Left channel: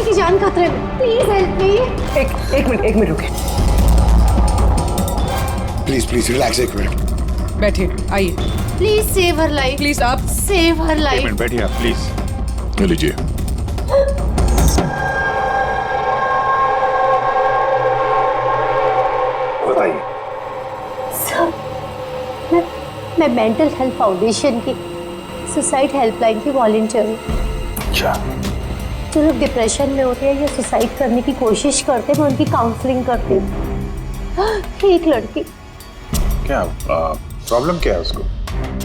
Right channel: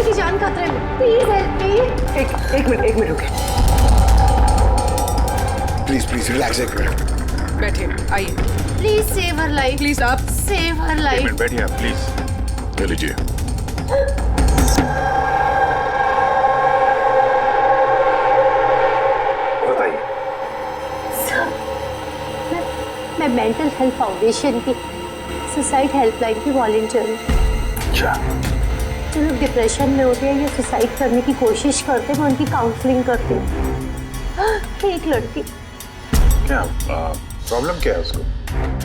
बच्ची की जान खतरे में, प्लीज हेल्प मी। एक मिनट रुके। प्लीज रिलैक्स, एक मिनट बैठिए, आइए। Please save her life, please आप सेव हर एक लाइफ। मिनट बैठिए आप प्लीज। ले लीजिए। बताइए। सर, मैं मेंटल हेल्थ फाउंडेशन की सुसाइड हेल्पलाइन की वॉलंटियर हूँ। अच्छा। जो लोग डिप्रेशन में होते हैं या सुसाइड करने की कोशिश करते हैं, मैं उनकी काउंसलिंग करती हूँ। एक लड़की, क्या प्रॉब्लम क्या है उसको?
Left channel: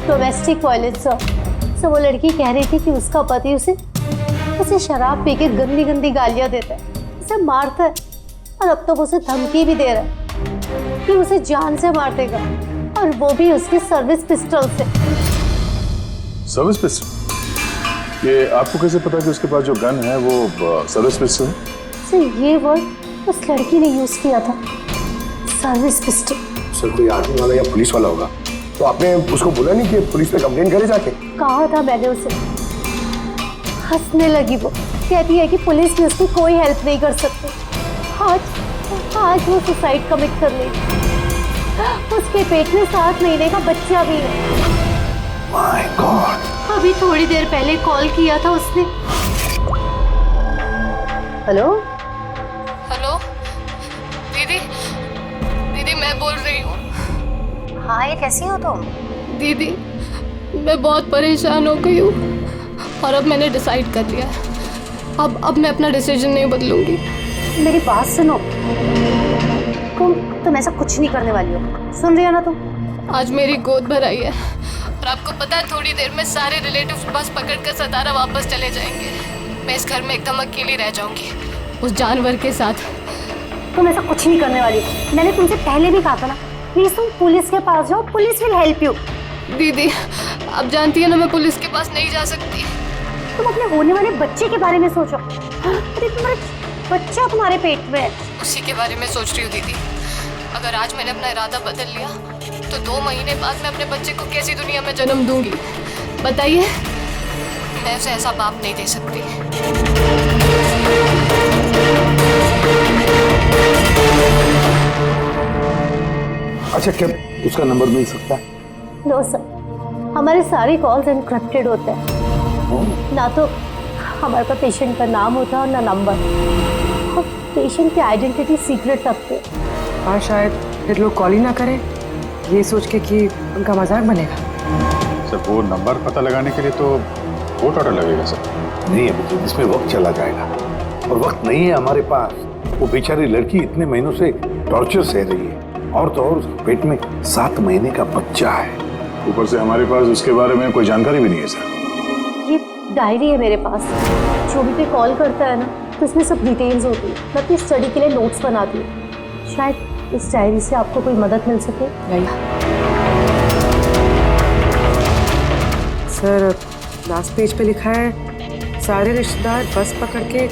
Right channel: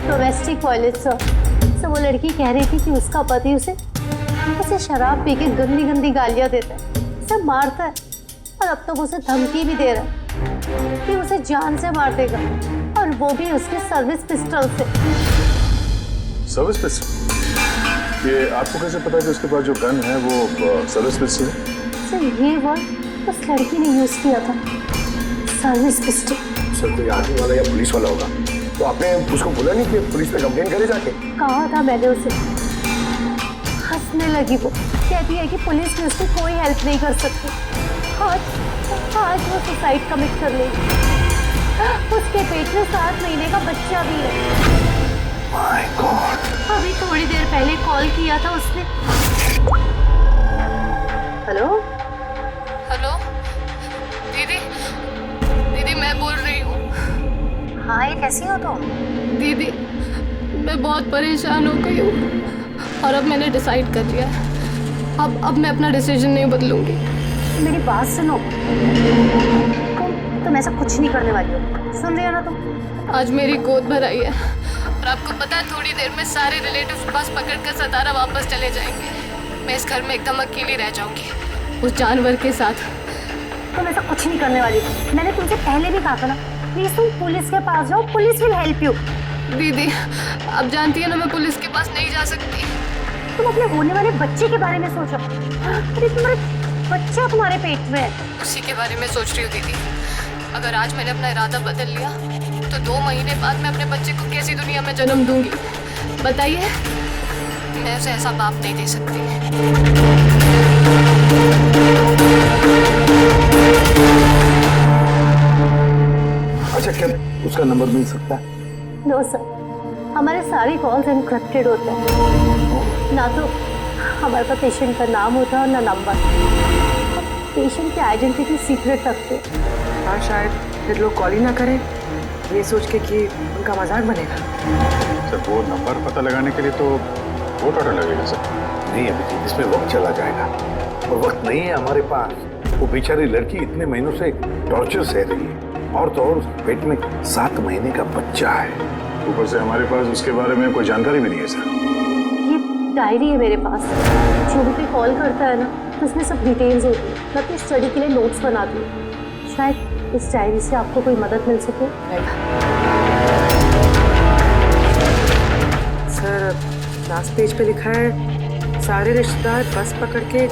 Domestic violence sir. वो लड़की कह रही थी कि उसका पति उसे शराब पी के गंदी गंदी गालियां देता है, उसे मारता है, और अब तो वो उसे धमकी भी दे रहा है कि उसे जान से मार देगा, और वो भी उसके सर्विस पिस्टल से। Service pistol? ये आपको कैसे पता कि उसके पास जो गन है वो सर्विस पिस्टल है? सर, ये वर्ड उस लड़की ने यूज किया था, सर्विस पिस्टल। सर, कोई आर्मी वाला या पुलिस वाला होगा, तो आपने उसको बोला नहीं कि पुलिस पे कंप्लेंट करे जाके? कहा था मैंने उसे। हंसने लगी वो, कहती है कि पुलिस भी उसकी कोई हेल्प नहीं कर सकती। आज वो सुसाइड कमिट कर लेगी। उसके पेट में 7 महीने का बच्चा भी है। My God. अभी थोड़ी देर पहले कॉल किया था उसने। हेलो हेलो दीदी, दीदी मैं बोल रही हूँ। हाँ, ये कैसी हो तुम? दीदी मैं बहुत परेशान हो गई हूँ, और अब मैंने डिसाइड कर लिया है। अब मैं अपना डिसीजन नहीं बदलूंगी। मेरी बात सुनो, तुम ऐसा कुछ नहीं करने वाली हो, सुन रही हो ना तुम? आज मेरी गोद भर आई है, और आपको पता है थोड़ी देर में सारे रिलेटिव्स बस पकड़कर सतारा वापस चले जाएंगे। मैं इस घर में एकदम अकेली रह जाऊंगी, उस जानवर के साथ। तुम ऐसा कुछ नहीं करने वाली हो। मैंने तुमसे पहले भी कहा था ना, प्लीज तुम पुलिस के पास जाओ, पुलिस विल हेल्प यू। दीदी आप जानती है ना, मैं पुलिस के पास नहीं जा सकती। तुम अपने होने वाले बच्चे के बारे में सोचो। अरे तुम्हारे बच्चा तुम्हारे पेट में है। उसी के बारे में सोच रही हूँ दीदी। अगर आज मैंने अपना इरादा बदल लिया तो 2 महीने बाद मैं अपने बच्चे को कैसी दुनिया में जन्म दूंगी बताइए। मैं उसे ऐसा बाप नहीं दे सकती। अच्छा, क्या उसका नंबर मिल सकता है? नो सर, हमारे सारे कॉल्स एनक्रिप्टेड होते हैं। ना तो हमारे पास पेशेंट का नाम होता है और ना नंबर। हम पेशेंट की आइडेंटिटी सीक्रेट रखते हैं। हाँ, शायद फिर लोग कॉल ही ना करें, ये सोच के कि उनका मजाक बनेगा। सर, वो नंबर पता लगाने के लिए तो बहुत ऑर्डर लगेगा सर। नहीं अभिजीत, इसमें वक्त चला जाएगा, और वक्त नहीं है हमारे पास। वो बेचारी लड़की इतने महीनों से टॉर्चर सह रही है, और तो और उसके पेट में 7 महीने का बच्चा है। ऊपर से हमारे पास उसके बारे में कोई जानकारी भी नहीं है सर। ये डायरी है मेरे पास, जो भी कोई कॉल करता है ना, तो इसमें सब डिटेल्स होती है। मैं अपनी स्टडी के लिए नोट्स बनाती हूँ, शायद इस डायरी से आपको कोई मदद मिल सके। सर, लास्ट पेज पे लिखा है सारे रिश्तेदार बस पकड़ के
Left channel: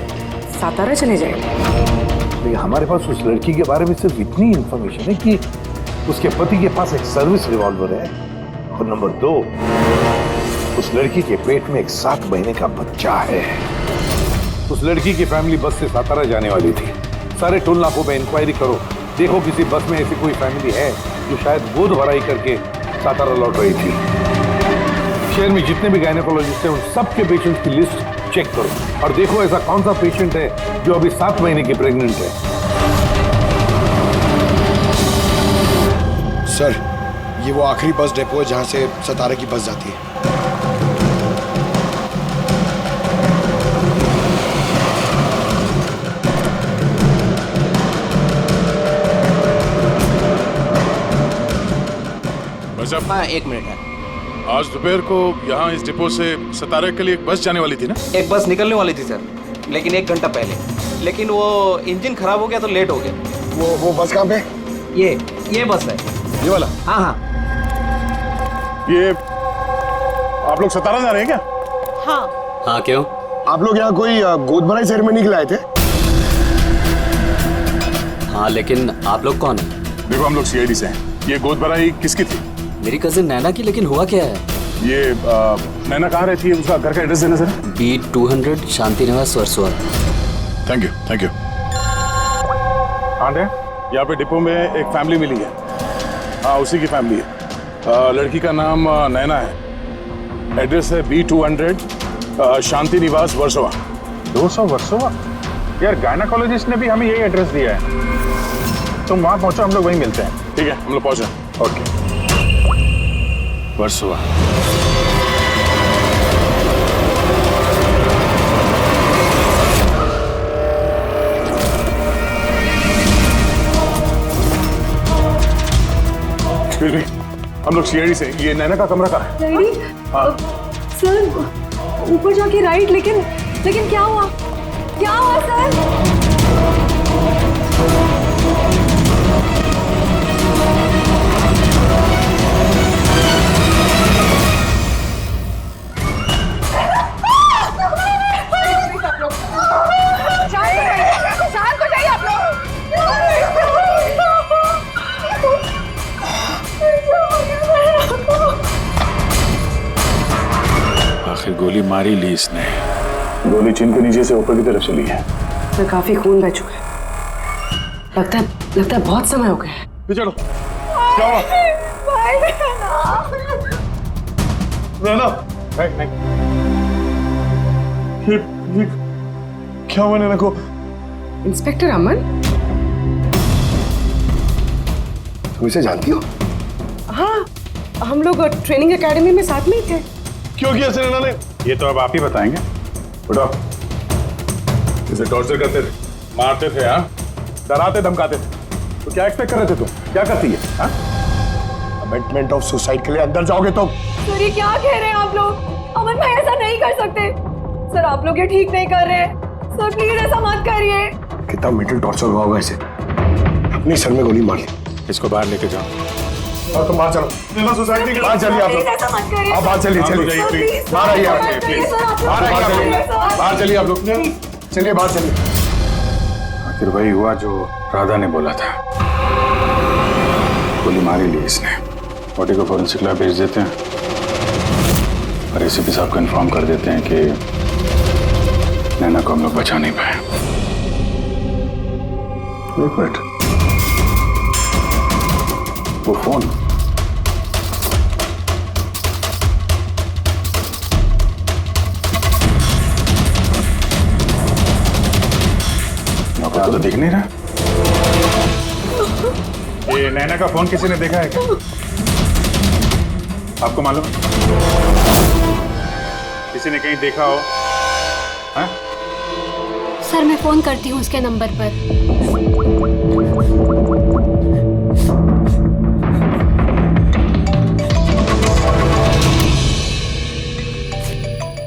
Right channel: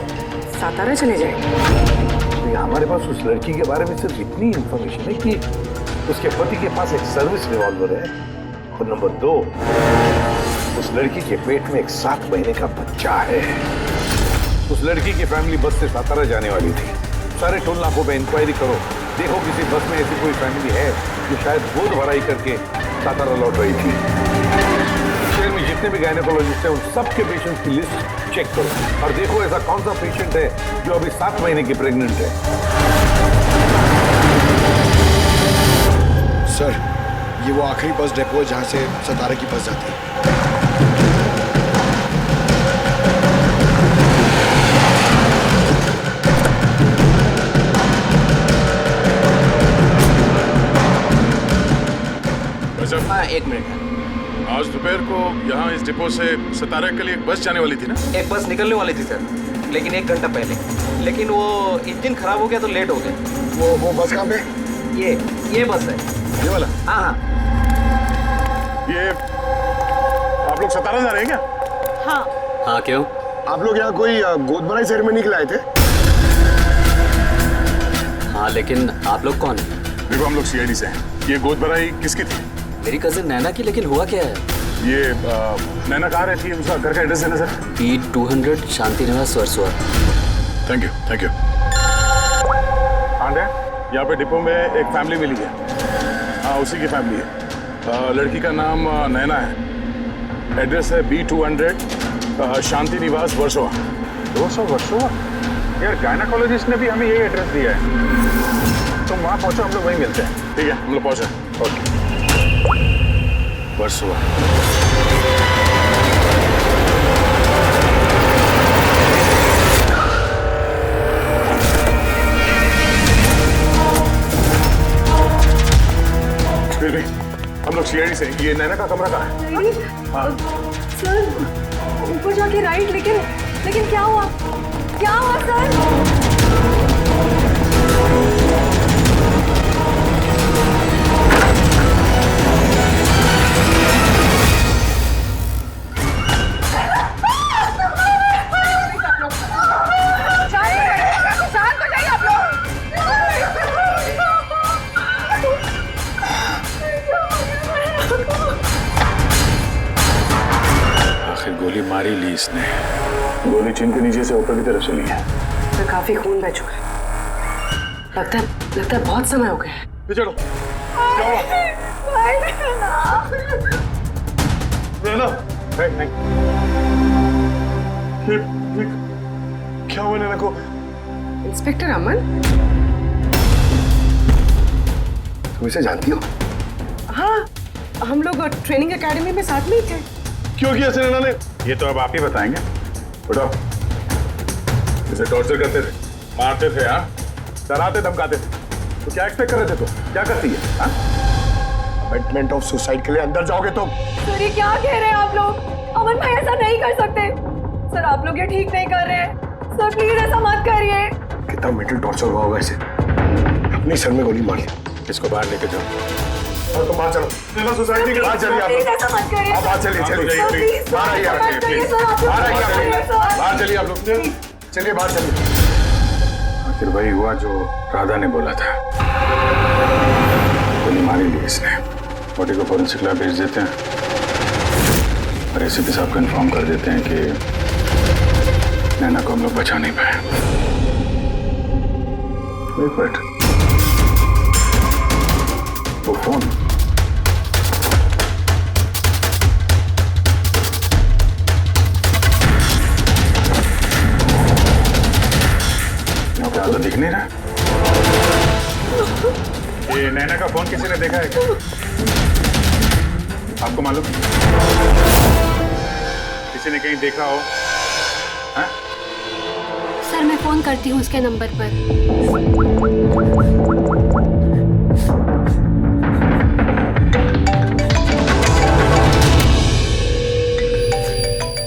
सातारा चले जाएंगे। हमारे पास उस लड़की के बारे में सिर्फ इतनी इंफॉर्मेशन है कि उसके पति के पास एक सर्विस रिवॉल्वर है, और नंबर 2, उस लड़की के पेट में एक 7 महीने का बच्चा है। उस लड़की की फैमिली बस से सातारा जाने वाली थी। सारे टोल नाकों पे इंक्वायरी करो, देखो किसी बस में ऐसी कोई फैमिली है जो शायद गोद भराई करके सातारा लौट रही थी। शहर में जितने भी गायनेकोलॉजिस्ट हैं उन सबके पेशेंट्स की लिस्ट चेक करो, और देखो ऐसा कौन सा पेशेंट है जो अभी 7 महीने की प्रेग्नेंट है। सर, ये वो आखिरी बस डिपो है जहां से सतारा की बस जाती है। हाँ, 1 मिनट है। आज दोपहर को यहाँ इस डिपो से सतारा के लिए एक बस जाने वाली थी ना? एक बस निकलने वाली थी सर, लेकिन 1 घंटा पहले। लेकिन वो इंजन खराब हो गया तो लेट हो गया। वो बस कहाँ पे? ये बस है। ये वाला? हाँ हाँ। ये आप लोग सतारा जा रहे हैं क्या? हाँ क्यों? आप लोग यहाँ कोई गोद भराई सेरेमनी के लिए आए थे? हाँ, लेकिन आप लोग कौन हैं? देखो, हम लोग सीआईडी से हैं। ये गोद भराई किसकी थी? मेरी कजिन नैना की, लेकिन हुआ क्या है? ये नैना कहाँ रहती है? उसका घर का एड्रेस देना सर। B200 शांति निवास वर्सोवा। Thank you. आंटे, यहाँ पे डिपो में एक फैमिली मिली है। हाँ, उसी की फैमिली है। लड़की का नाम नैना है। एड्रेस है B200 शांति निवास वर्सोवा। 200 वर्सोवा? यार गायनाकोलॉजिस्ट ने भी हमें यही एड्रेस दिया है। तुम वहां पहुंचो, हम लोग वहीं मिलते हैं। ठीक है, हम लोग पहुंचे। ओके। वर्सोवा। हम लोग सीआईडी से। ये नैना का कमरा कहाँ है? हाँ। सर ऊपर जाके राइट, लेकिन क्या हुआ सर? आखिर गोली मारी ली इसने। गोली चिन के नीचे से ऊपर की तरफ चली है। सर काफी खून बह चुका है। लगता है बहुत समय हो गया है। चलो, क्या हुआ? नैना, नहीं। ये क्या हुआ नैना को? इंस्पेक्टर अमन, तुम इसे जानती हो? हाँ, हम लोग ट्रेनिंग एकेडमी में साथ में ही थे। क्यों किया नैना ने? ये तो अब आप ही बताएंगे। उठो। इसे टॉर्चर करते थे, मारते थे, हाँ, डराते धमकाते थे। तो क्या एक्सपेक्ट कर रहे थे तुम? क्या करती है? हाँ? अमेंडमेंट ऑफ सुसाइड के लिए अंदर जाओगे तुम? सर ये क्या कह रहे हैं आप लोग? अमन भाई ऐसा नहीं कर सकते। सर आप लोग ये ठीक नहीं कर रहे हैं। सर प्लीज ऐसा मत करिए। कितना मेंटल टॉर्चर हुआ होगा इसे। अपनी सर में गोली मारी। इसको बाहर लेके जाओ। और तुम बाहर चलो। नैना सोसाइटी के बाहर चलिए आप लोग। ऐसा मत करिए। आप बाहर चलिए। बाहर आइए आप। बाहर चलिए आप लोग। चलिए बाहर चलिए। आखिर वही हुआ जो राधा ने बोला था। गोली मारी ली इसने। बॉडी को फॉरेंसिक लैब भेज देते हैं और एसीपी साहब को इन्फॉर्म कर देते हैं कि नैना को हम लोग बचा नहीं पाए। एक मिनट, वो फोन। यहाँ तो दिख नहीं रहा। ये नैना का फोन किसी ने देखा है क्या? आपको मालूम? किसी ने कहीं देखा हो? हाँ? सर मैं फोन करती हूँ उसके नंबर पर।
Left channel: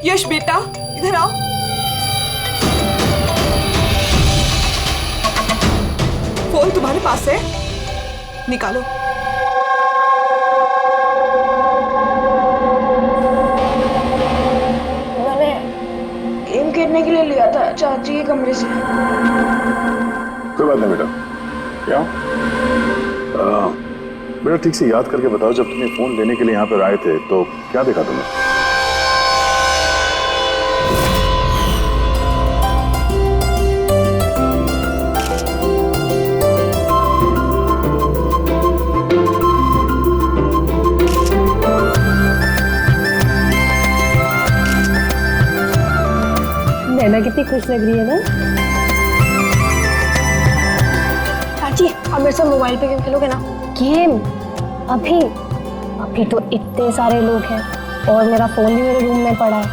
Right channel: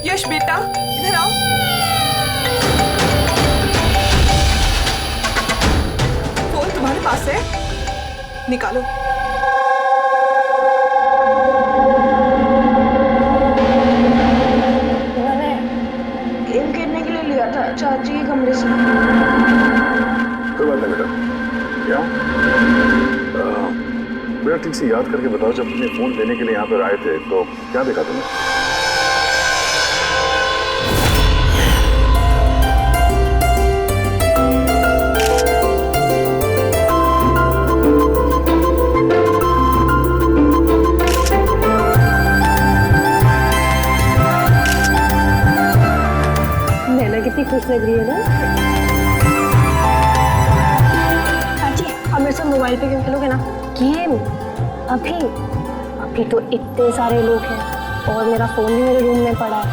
यश बेटा इधर आओ। फोन तुम्हारे पास है, निकालो। मैंने गेम खेलने के लिए लिया था चाची के कमरे से। कोई बात नहीं बेटा। क्या बेटा ठीक से याद करके बताओ, जब तुमने फोन लेने के लिए यहाँ पर आए थे तो क्या देखा तुमने? नैना कितनी खुश लग रही है ना। चाची अब मेरे साथ मोबाइल पे गेम खेलोगे ना? गेम? अभी तो इतने सारे लोग हैं और मेरा फोन भी मेरे रूम में पड़ा है,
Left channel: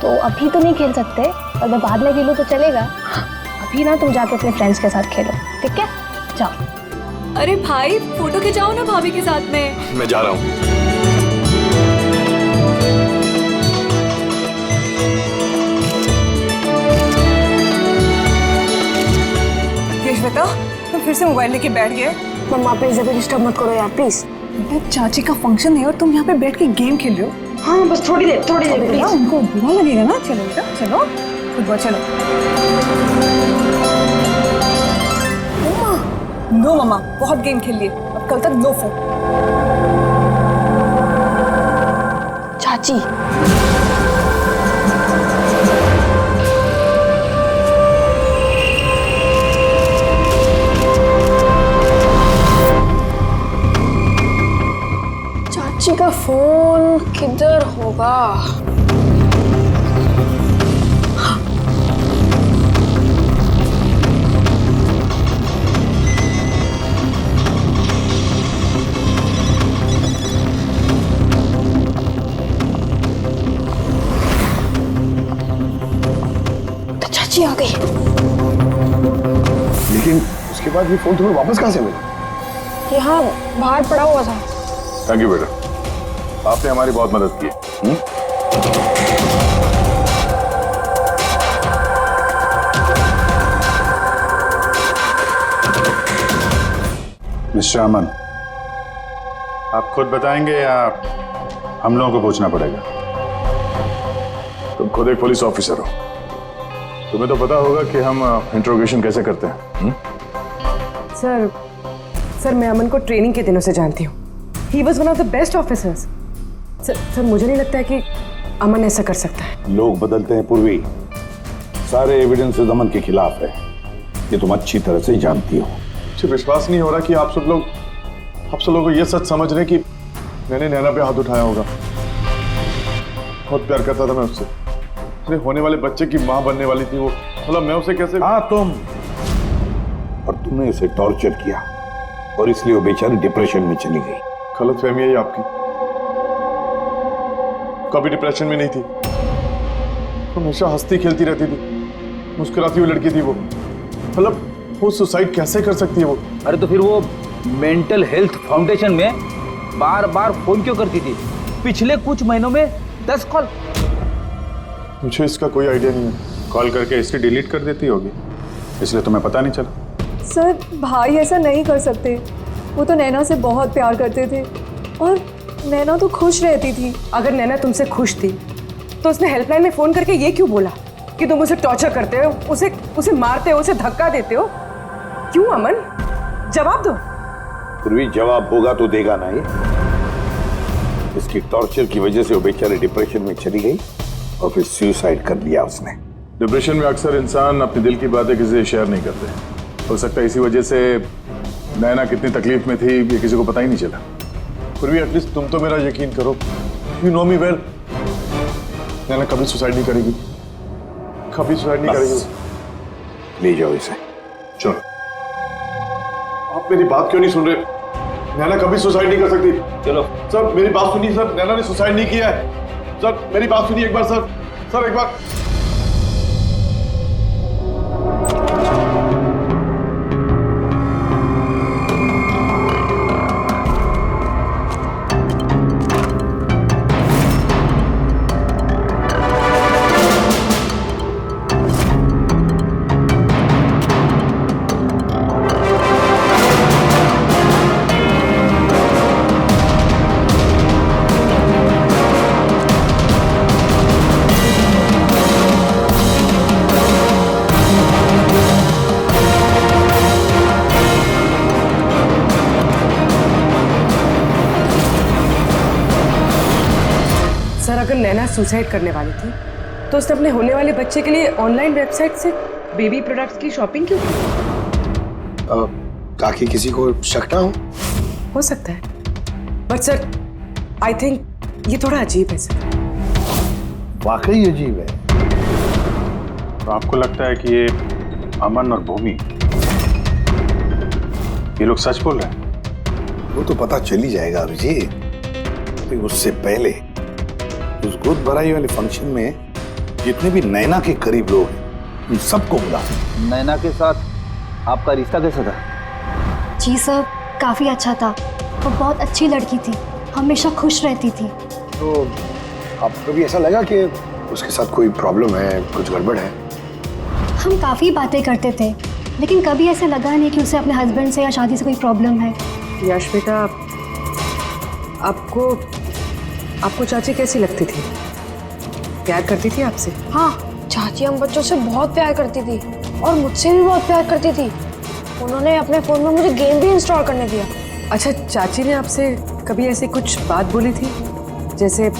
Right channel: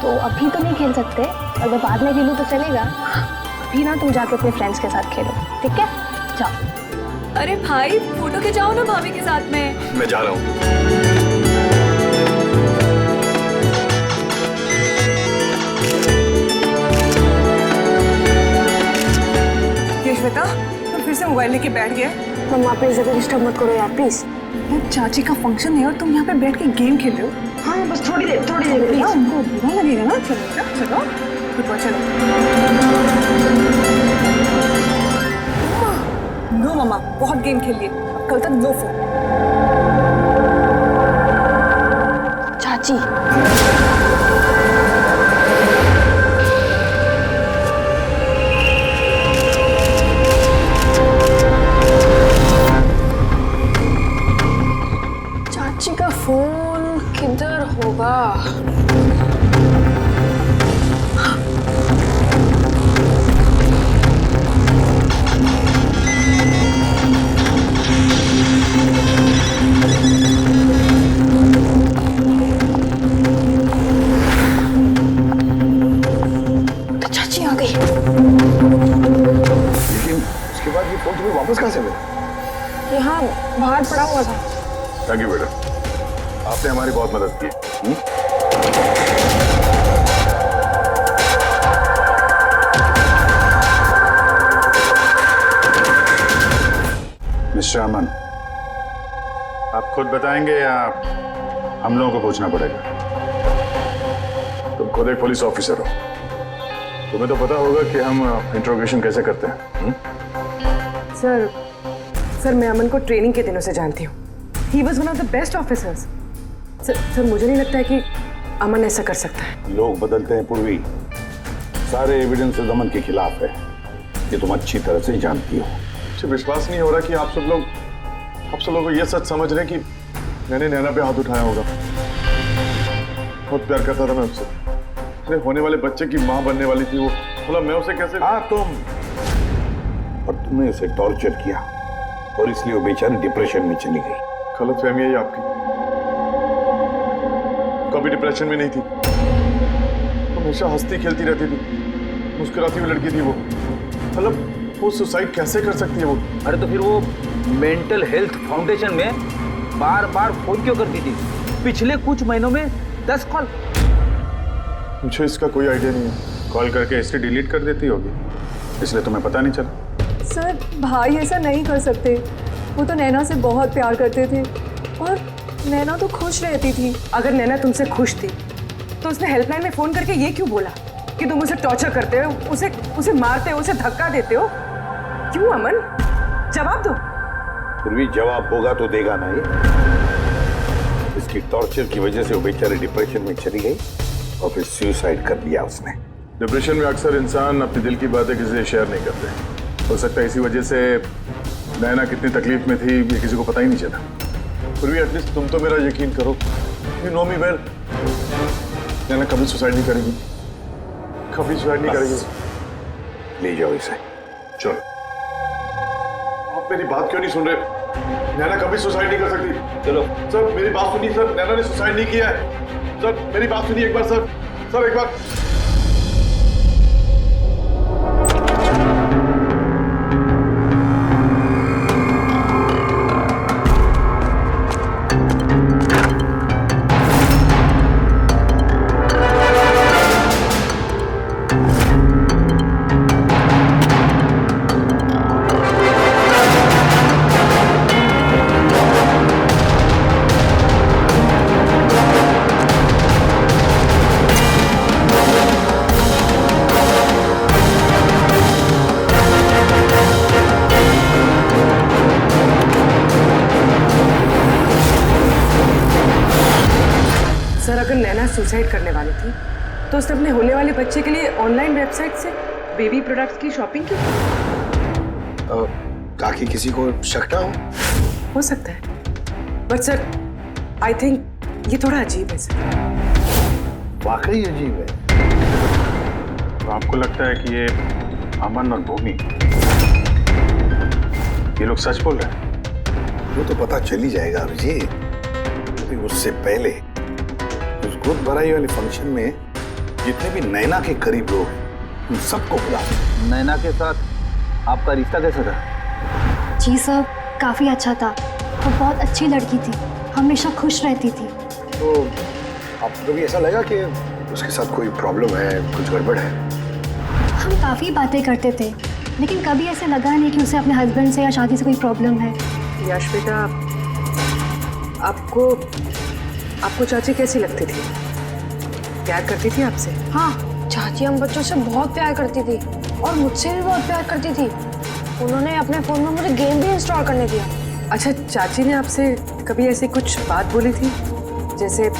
तो अभी तो नहीं खेल सकते। और मैं बाद में खेलूँ तो चलेगा। अभी ना तुम जाके अपने फ्रेंड्स के साथ खेलो, ठीक है? जाओ। अरे भाई फोटो खिंचाओ ना भाभी के साथ में। मैं जा रहा हूँ। यश बेटा तुम फिर से मोबाइल लेके बैठ गए। मम्मा प्लीज ज्यादा डिस्टर्ब मत करो यार प्लीज। चाची का फंक्शन है और तुम यहाँ पे बैठ के गेम खेल रहे हो। हाँ बस थोड़ी देर प्लीज। उनको बुरा लगेगा ना। चलो बेटा चलो, फुटबॉल चलो। नो मम्मा बहुत गेम खेल लिए, अब कल तक नो फोन। चाची फोन किधर होगा? तो चाची आ गई। लेकिन उसके बाद ये फोन तुम्हें वापस कहाँ से मिला? यहाँ बाहर पड़ा हुआ था। थैंक यू बेटा, आपने हमारी बहुत मदद की। मिस्टर अमन, आप खुद बताएंगे या हम लोगों को पूछना पड़ेगा? तुम खुद एक पुलिस ऑफिसर हो, तुम्हें तो पता होगा कि हम इंट्रोगेशन कैसे करते हैं। सर मैं अमन को ट्रेनिंग के दिनों से जानती हूँ। He was one of the best officers. Sir मुझे नहीं लगता है कि अमन ऐसा कर सकता है। लोग बदलते हैं पूर्वी, सारे एविडेंसेस अमन के खिलाफ है, ये तुम अच्छी तरह से जानती हो। मुझे विश्वास नहीं हो रहा कि आप सब लोग को ये सच समझ रहे हैं कि मैंने नैना पे हाथ उठाया होगा। बहुत प्यार करता था मैं उससे, मेरे होने वाले बच्चे की माँ बनने वाली थी वो। मतलब मैं उसे कैसे? हाँ तुम, और तुमने उसे टॉर्चर किया और इसलिए वो बेचारी डिप्रेशन में चली गई। गलतफहमी है ये आपकी, कभी डिप्रेशन में नहीं थी, हमेशा हंसती खेलती रहती थी, मुस्कुराती हुई लड़की थी वो। मतलब वो सुसाइड कैसे कर सकती है वो? अरे तो फिर वो मेंटल हेल्थ फाउंडेशन में बार बार फोन क्यों करती थी? पिछले कुछ महीनों में 10 कॉल। मुझे इसका कोई आइडिया नहीं है। कॉल करके हिस्ट्री डिलीट कर देती होगी, इसलिए तुम्हें पता नहीं चला। सर भाई ऐसा नहीं कर सकते, वो तो नैना से बहुत प्यार करते थे और नैना तो खुश रहती थी। अगर नैना तुमसे खुश थी तो उसने हेल्पलाइन में फोन करके ये क्यों बोला कि तुम उसे टॉर्चर करते हो, उसे मारते हो, उसे धक्का देते हो? क्यों अमन? जवाब दो। पूर्वी जवाब होगा तो देगा ना ये। इसकी टॉर्चर की वजह से वो बेचारी डिप्रेशन में चली गई और फिर सुसाइड कर लिया उसने। डिप्रेशन में अक्सर इंसान अपने दिल की बातें किसी से शेयर नहीं करते। हो सकता है इसी वजह से नैना कितनी तकलीफ में थी ये किसी को पता ही नहीं चला। फिर भी एटलीस्ट तुम तो मेरा यकीन करो, यू नो मी वेल, नैना कभी सुसाइड नहीं करेगी, कभी सुसाइड नहीं करेगी। ले जाओ इसे। चलो, आप मेरी बात क्यों नहीं सुन रहे? नैना कभी सुसाइड नहीं कर सकती। चलो सर मेरी बात सुनिए सर, नैना ने सुसाइड नहीं किया है। सर मेरी बात सुनिए एक बार सर, सर एक बार। सर अगर नैना सुसाइड करने वाली थी तो उसने अपने होने वाले बच्चे के लिए ऑनलाइन वेबसाइट से बेबी प्रोडक्ट्स की शॉपिंग क्यों की? ताकि किसी को शक ना हो सकता है, बट सर आई थिंक ये थोड़ा अजीब है सर। वाकई अजीब है। तो आपको लगता है कि ये अमन और भूमि ये लोग सच बोल रहे हैं? वो तो पता चल ही जाएगा अभिजीत। लेकिन उससे पहले उस गोद भराई वाले फंक्शन में जितने भी नैना के करीब लोग हैं उन सबको बुला। नैना के साथ आपका रिश्ता कैसा था? जी सर, काफ़ी अच्छा था। वो बहुत अच्छी लड़की थी, हमेशा खुश रहती थी। तो आपको भी ऐसा लगा कि उसके साथ कोई प्रॉब्लम है, कुछ गड़बड़ है? हम काफ़ी बातें करते थे, लेकिन कभी ऐसे लगा नहीं कि उसे अपने हस्बैंड से या शादी से कोई प्रॉब्लम है। यश बेटा, आपको चाची कैसी लगती थी? प्यार करती थी आपसे? हाँ, चाची हम बच्चों से बहुत प्यार करती थी और मुझसे भी बहुत प्यार करती थी। उन्होंने अपने फोन में मुझे गेम भी इंस्टॉल करने दिया। अच्छा, चाची ने आपसे कभी ऐसी कुछ बात बोली थी, जैसे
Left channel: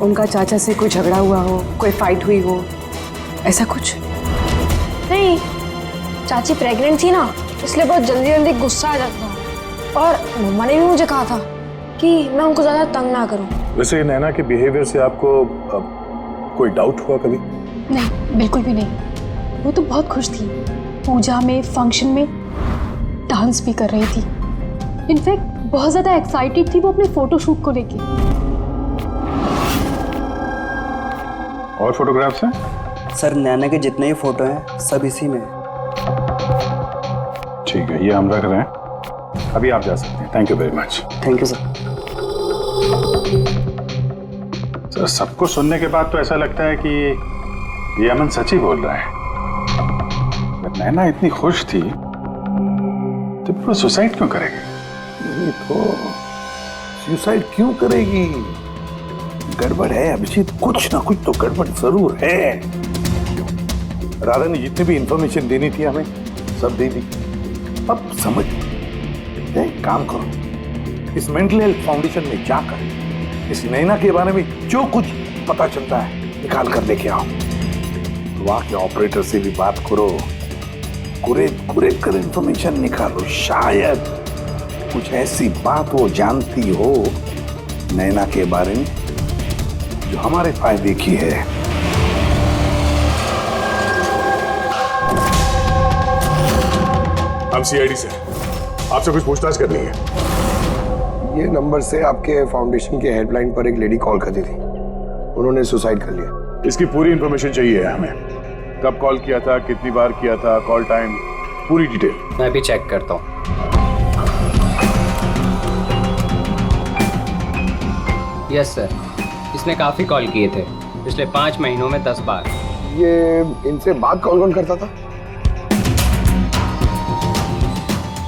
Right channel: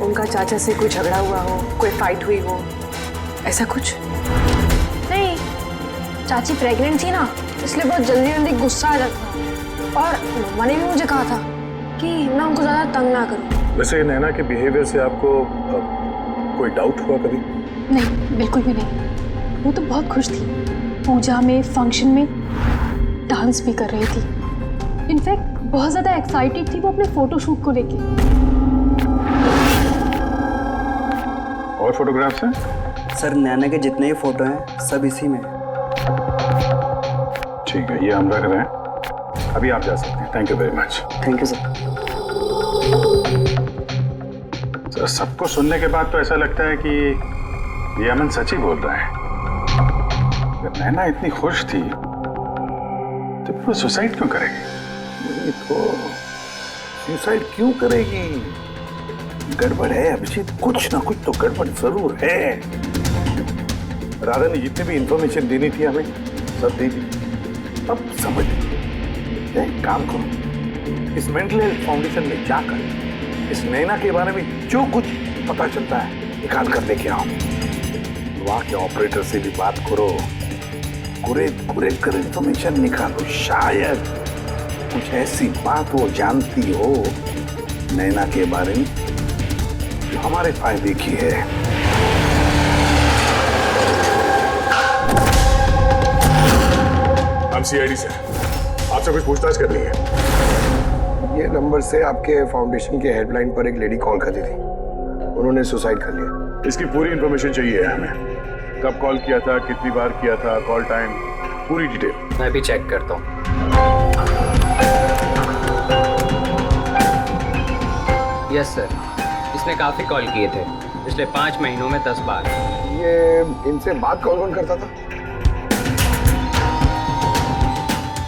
उनका चाचा से कोई झगड़ा हुआ हो, कोई फाइट हुई हो, ऐसा कुछ? नहीं, चाची प्रेग्नेंट थी ना, इसलिए बहुत जल्दी जल्दी गुस्सा आ जाता था। और मम्मा ने भी मुझे कहा था कि मैं उनको ज्यादा तंग ना करूं। वैसे नैना के बिहेवियर से आपको कोई डाउट हुआ कभी? नहीं, बिल्कुल भी नहीं। वो तो बहुत खुश थी, पूजा में, फंक्शन में डांस भी कर रही थी। इनफैक्ट बहुत ज्यादा एक्साइटेड थी वो अपने फोटोशूट को लेके। और फोटोग्राफ्स हैं? सर नैना के जितने ही फोटो हैं सब इसी में। ठीक है, ये हम रख रहे हैं। अभी आप जा सकते हैं। Thank you very much. Thank you sir. Sir, सबको सुनने के बाद तो ऐसा लगता है कि ये अमन सच ही बोल रहा है। अगर नैना इतनी खुश थी तो वो सुसाइड क्यों करेगी? नहीं तो सुसाइड क्यों करेगी? गड़बड़ है अभिजीत, कुछ ना कुछ तो गड़बड़ जरूर है। राधा ने जितनी भी इंफॉर्मेशन देनी थी हमें सब दे दी। अब समझ एक काम करो, इस मेंटल हेल्थ फाउंडेशन में जाकर इस नैना के बारे में जो कुछ पता चलता है निकाल कर लेके आओ। वहां के ऑपरेटर से भी बात करो, कुरेद कर इंफॉर्मेशन निकालो। शायद कुछ ऐसी बात वो जानती हो नैना के बारे में जो हमारे फायदे की है। हम सीआईडी से आपसे कुछ पूछताछ करनी है। ये नंबर से आपके फाउंडेशन के हेल्पलाइन पर एक लेडी कॉल करती थी, उन्होंने सुसाइड कर लिया। इसकी पूरी इंफॉर्मेशन चाहिए हमें। कब कॉल किया था, कितनी बार किया था, कॉल टाइम, पूरी डिटेल। मैं भी चेक करता हूँ। यस सर, इसने काफ़ी कॉल किए थे पिछले 5 महीनों में 10 बार। ये इनसे बात कौन कौन करता था?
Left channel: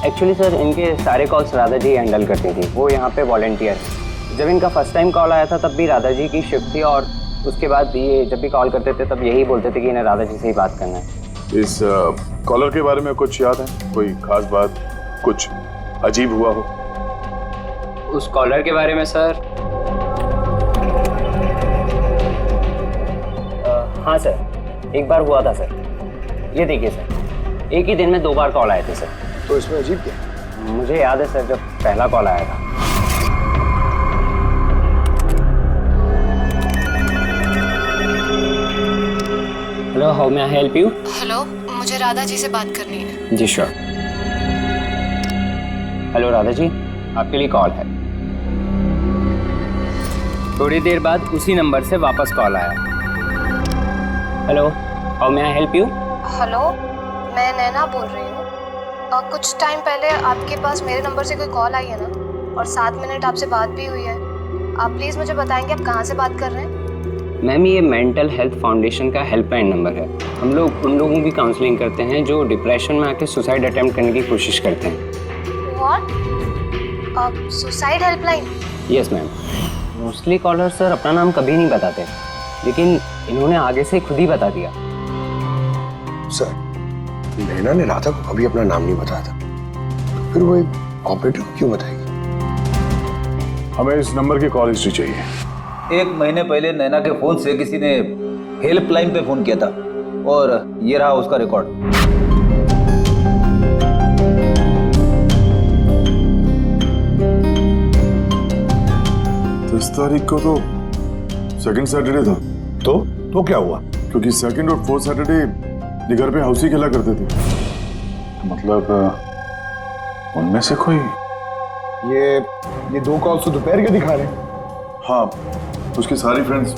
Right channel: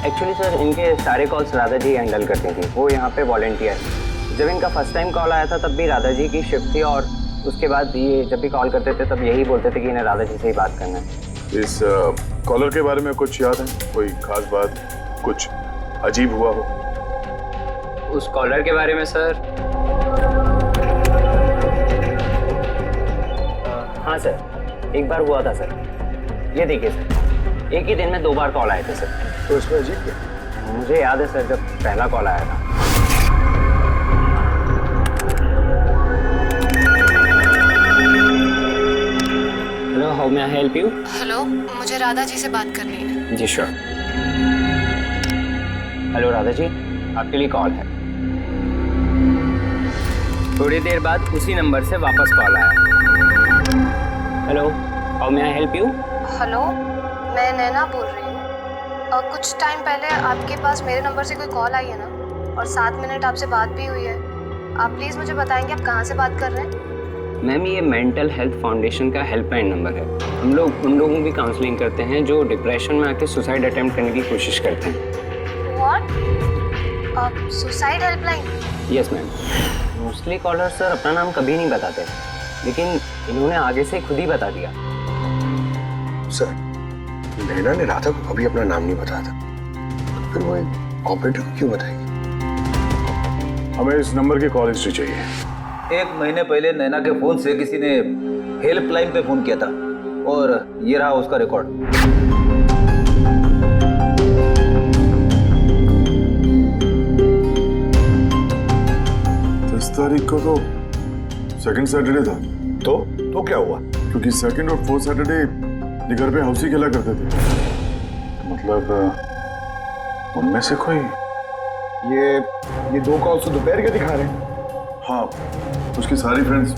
एक्चुअली सर इनके सारे कॉल्स राधा जी हैंडल करती थी, वो यहाँ पे वॉलंटियर है। जब इनका फर्स्ट टाइम कॉल आया था तब भी राधा जी की शिफ्ट थी, और उसके बाद ये जब भी कॉल करते थे तब यही बोलते थे कि इन्हें राधा जी से ही बात करना है। इस कॉलर के बारे में कुछ याद है? कोई खास बात, कुछ अजीब हुआ हो? उस कॉलर के बारे में सर, हाँ सर, एक बार हुआ था सर। ये देखिए सर, एक ही दिन में 2 बार कॉल आए थे सर। तो इसमें अजीब क्या? मुझे याद है सर, जब पहला कॉल आया था। Hello, how may I help you? Hello, मुझे राधा जी से बात करनी है। जी श्योर। हेलो राधा जी, आपके लिए कॉल है। थोड़ी देर बाद उसी नंबर से वापस कॉल आया। Hello, how may I help you? Hello, मैं नैना बोल रही हूँ। कुछ टाइम पहले आपके पास मेरे नंबर से कोई कॉल आई है ना, और 7 मिनट आपसे बात भी हुई है। आप प्लीज़ मुझे बताएंगे आप कहाँ से बात कर रहे हैं? मैम, ये मेंटल हेल्थ फाउंडेशन का हेल्पलाइन नंबर है। हम लोग उन लोगों की काउंसलिंग करते हैं जो डिप्रेशन में आके सुसाइड अटेम्प्ट करने की कोशिश करते हैं। What? Suicide helpline? Yes ma'am. Mostly caller sir अपना नाम कभी नहीं बताते, लेकिन इन्होंने आगे से खुद ही बता दिया। सर, नैना ने राधा को कभी अपना नाम नहीं बताया था, तो फिर वो एक ऑपरेटर को क्यों बताएगी? हमें इस नंबर की कॉल हिस्ट्री चाहिए। 1 महीने पहले नैना के फोन से किसी ने हेल्पलाइन पे फोन किया था, और ये रहा उसका रिकॉर्ड। 10 तारीख को तो सेकंड सैटरडे था। तो क्या हुआ? क्योंकि सेकंड और 4th सैटरडे ये घर पे हाउसी खेला करते थे। तो मतलब उनमें से कोई? ये 2 कॉल्स तो दोपहर के दिखा रहे हैं। हाँ, उसकी सारी फ्रेंड्स